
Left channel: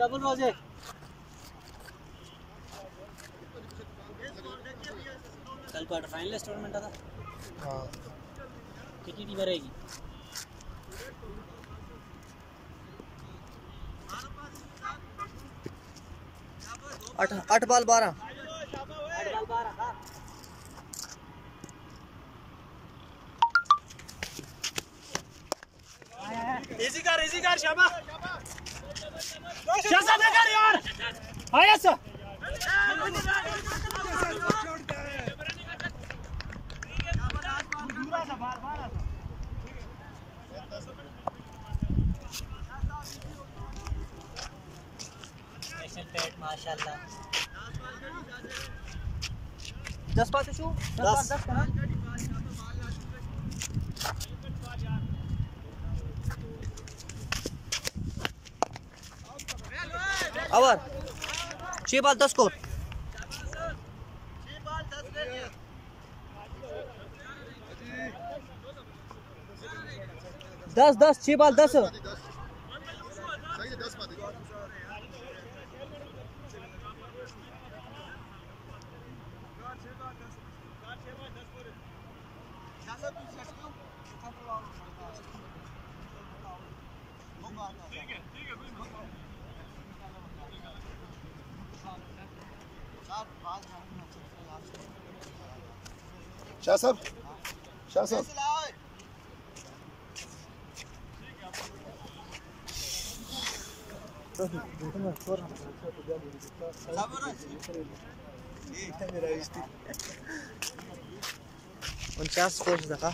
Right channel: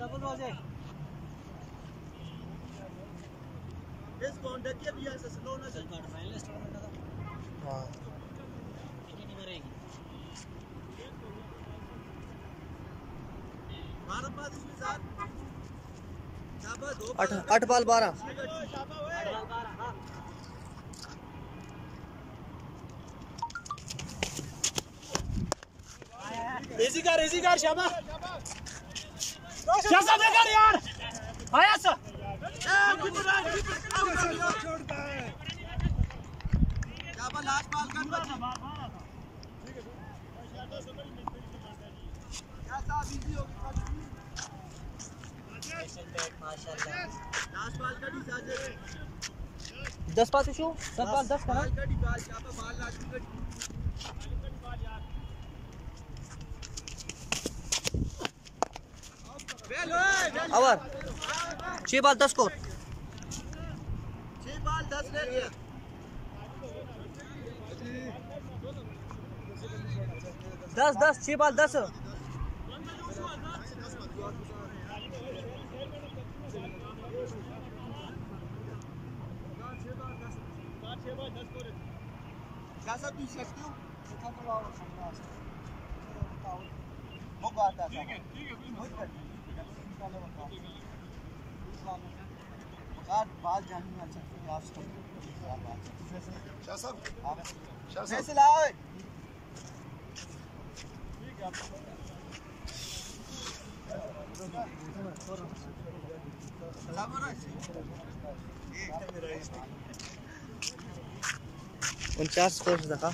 Double रोजे कल क्वार्टर फाइनल टूर्नामेंट था। हाँ कितनी टीमें रहेगी? 8 बॉल 12। इजी कर शाबाश शाबाश बेकार यार आया सर। माशाल्लाह 10 पास शो 10 का over 6 ball 10 score. 10 6 ball 10। Shah साहब उनचास सोच रखा।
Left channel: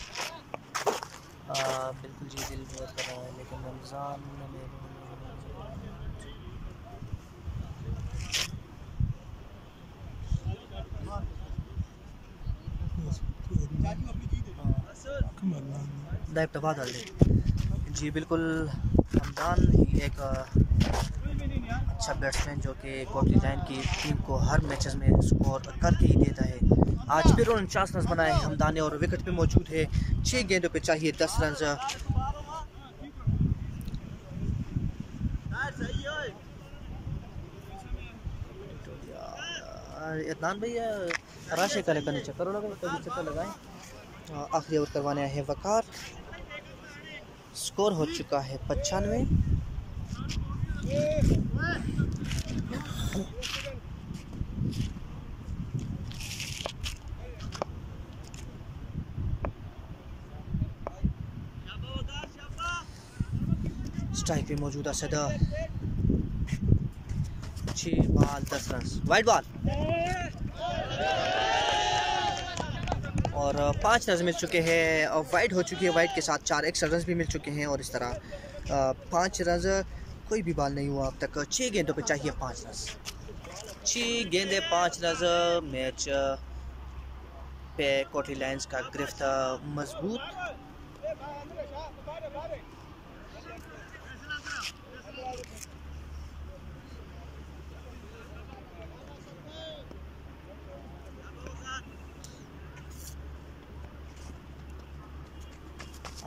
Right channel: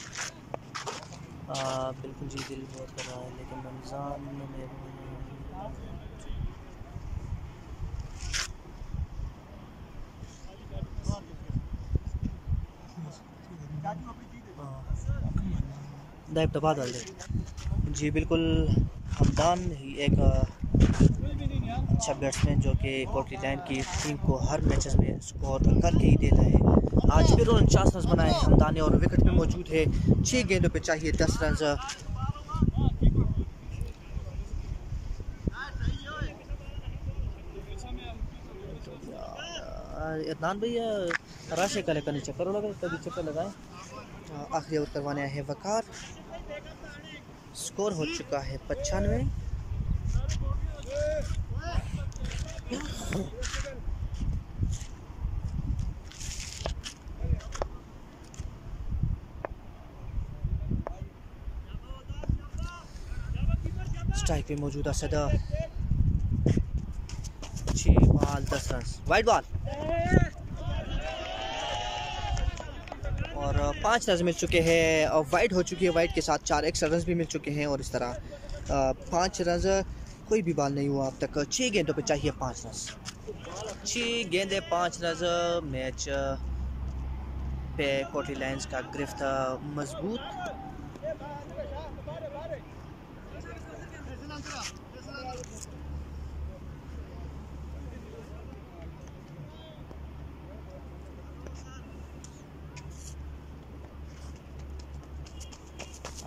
बिल्कुल जी, दिल बहुत कर रहा है, लेकिन रमज़ान में दाइब दबा डाल दे जी। बिल्कुल हमदान एक अच्छा बैट्समैन जो कि कोटली लाइन की टीम को हर मैचेस में स्कोर करके ही देता है। आज भी 49 रन बनाए हमदान ने और विकेट पे मौजूद है। 6 गेंदों पे चाहिए 10 रन। इरनान भैया राशि का लेकर चक्कर लगा, कभी चक्कर लगाएं। आखिरी ओवर करवाने आए हैं वकार। स्कोर हो चुका है 95। स्ट्राइक पे मौजूदा सदा 6 बॉल 10 रन। वाइड बॉल और 5 रन मिल चुके हैं और वाइड हो चुकी है। वाइड के साथ 4 एक्स्ट्रा रन भी मिल चुके हैं और इस तरह 5 रन, कोई भी बॉल नहीं हुआ अब तक। 6 गेंदों पे चाहिए 5 रन। 6 गेंदे 5 रन। मैच पे कोटली लायंस का गिरफ्त मजबूत।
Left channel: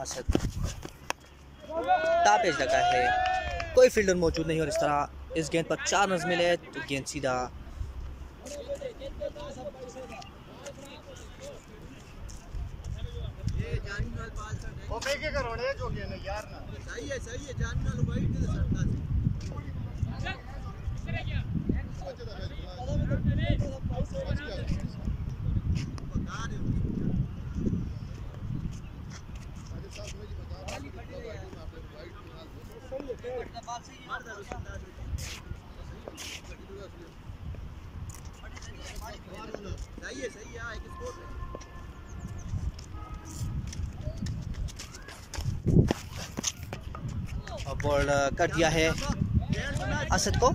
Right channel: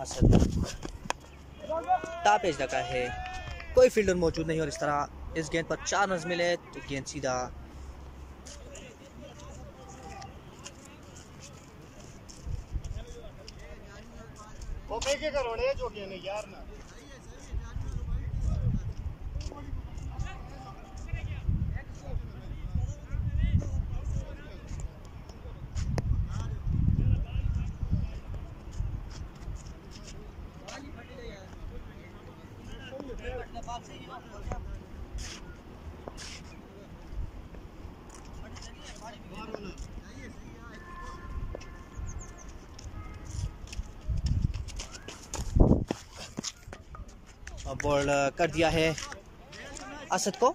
असद टापेज लगा है, कोई फील्डर मौजूद नहीं और इस तरह इस गेंद पर 4 रन मिले तो गेंद सीधा बॉल कर दिया है असद को।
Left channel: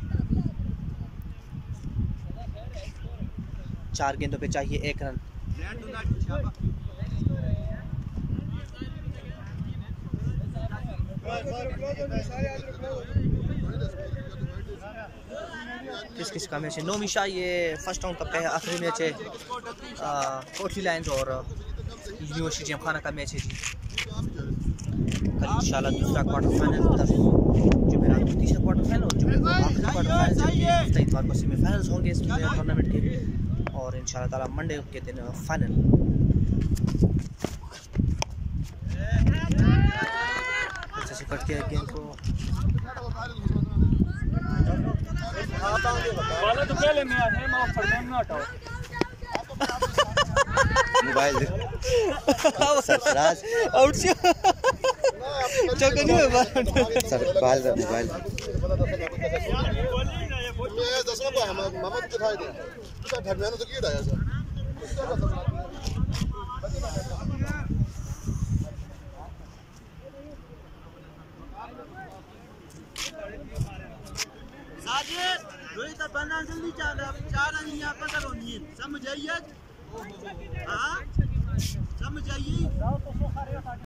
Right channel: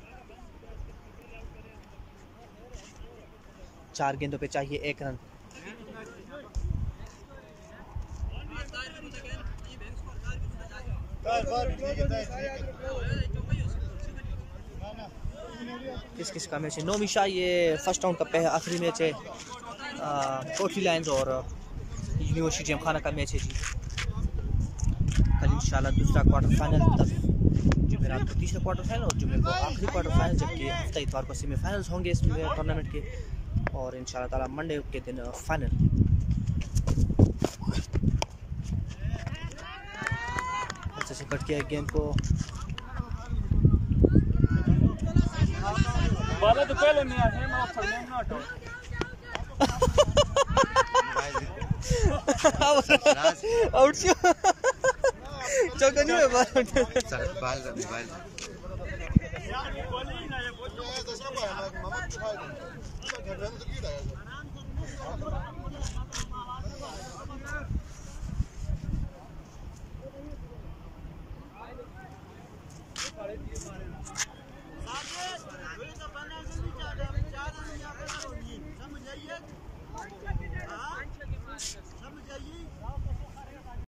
4 गेंदों पे चाहिए 1 रन। किस किस का मैच है? नोमिशा, ये फर्स्ट राउंड का आखिरी मैच है। कोटली लायंस और यूनिवर्सिटी जिमखाना का मैच है जी। कल इंशाल्लाह दूसरा क्वार्टर फाइनल, जुमेरात को तीसरा क्वार्टर फाइनल और जुमे को आखिरी क्वार्टर फाइनल, जबकि हफ्ता इतवार को सेमीफाइनल्स होंगे इस टूर्नामेंट के और इंशाल्लाह ताला मंडे के दिन फाइनल। जैसे कट किया गेंद को वाला तो पहले मैं है माफ कर देना ना हटाओ मोबाइल आउट से चौका नहीं है सर बाल का मोबाइल समझ आइए।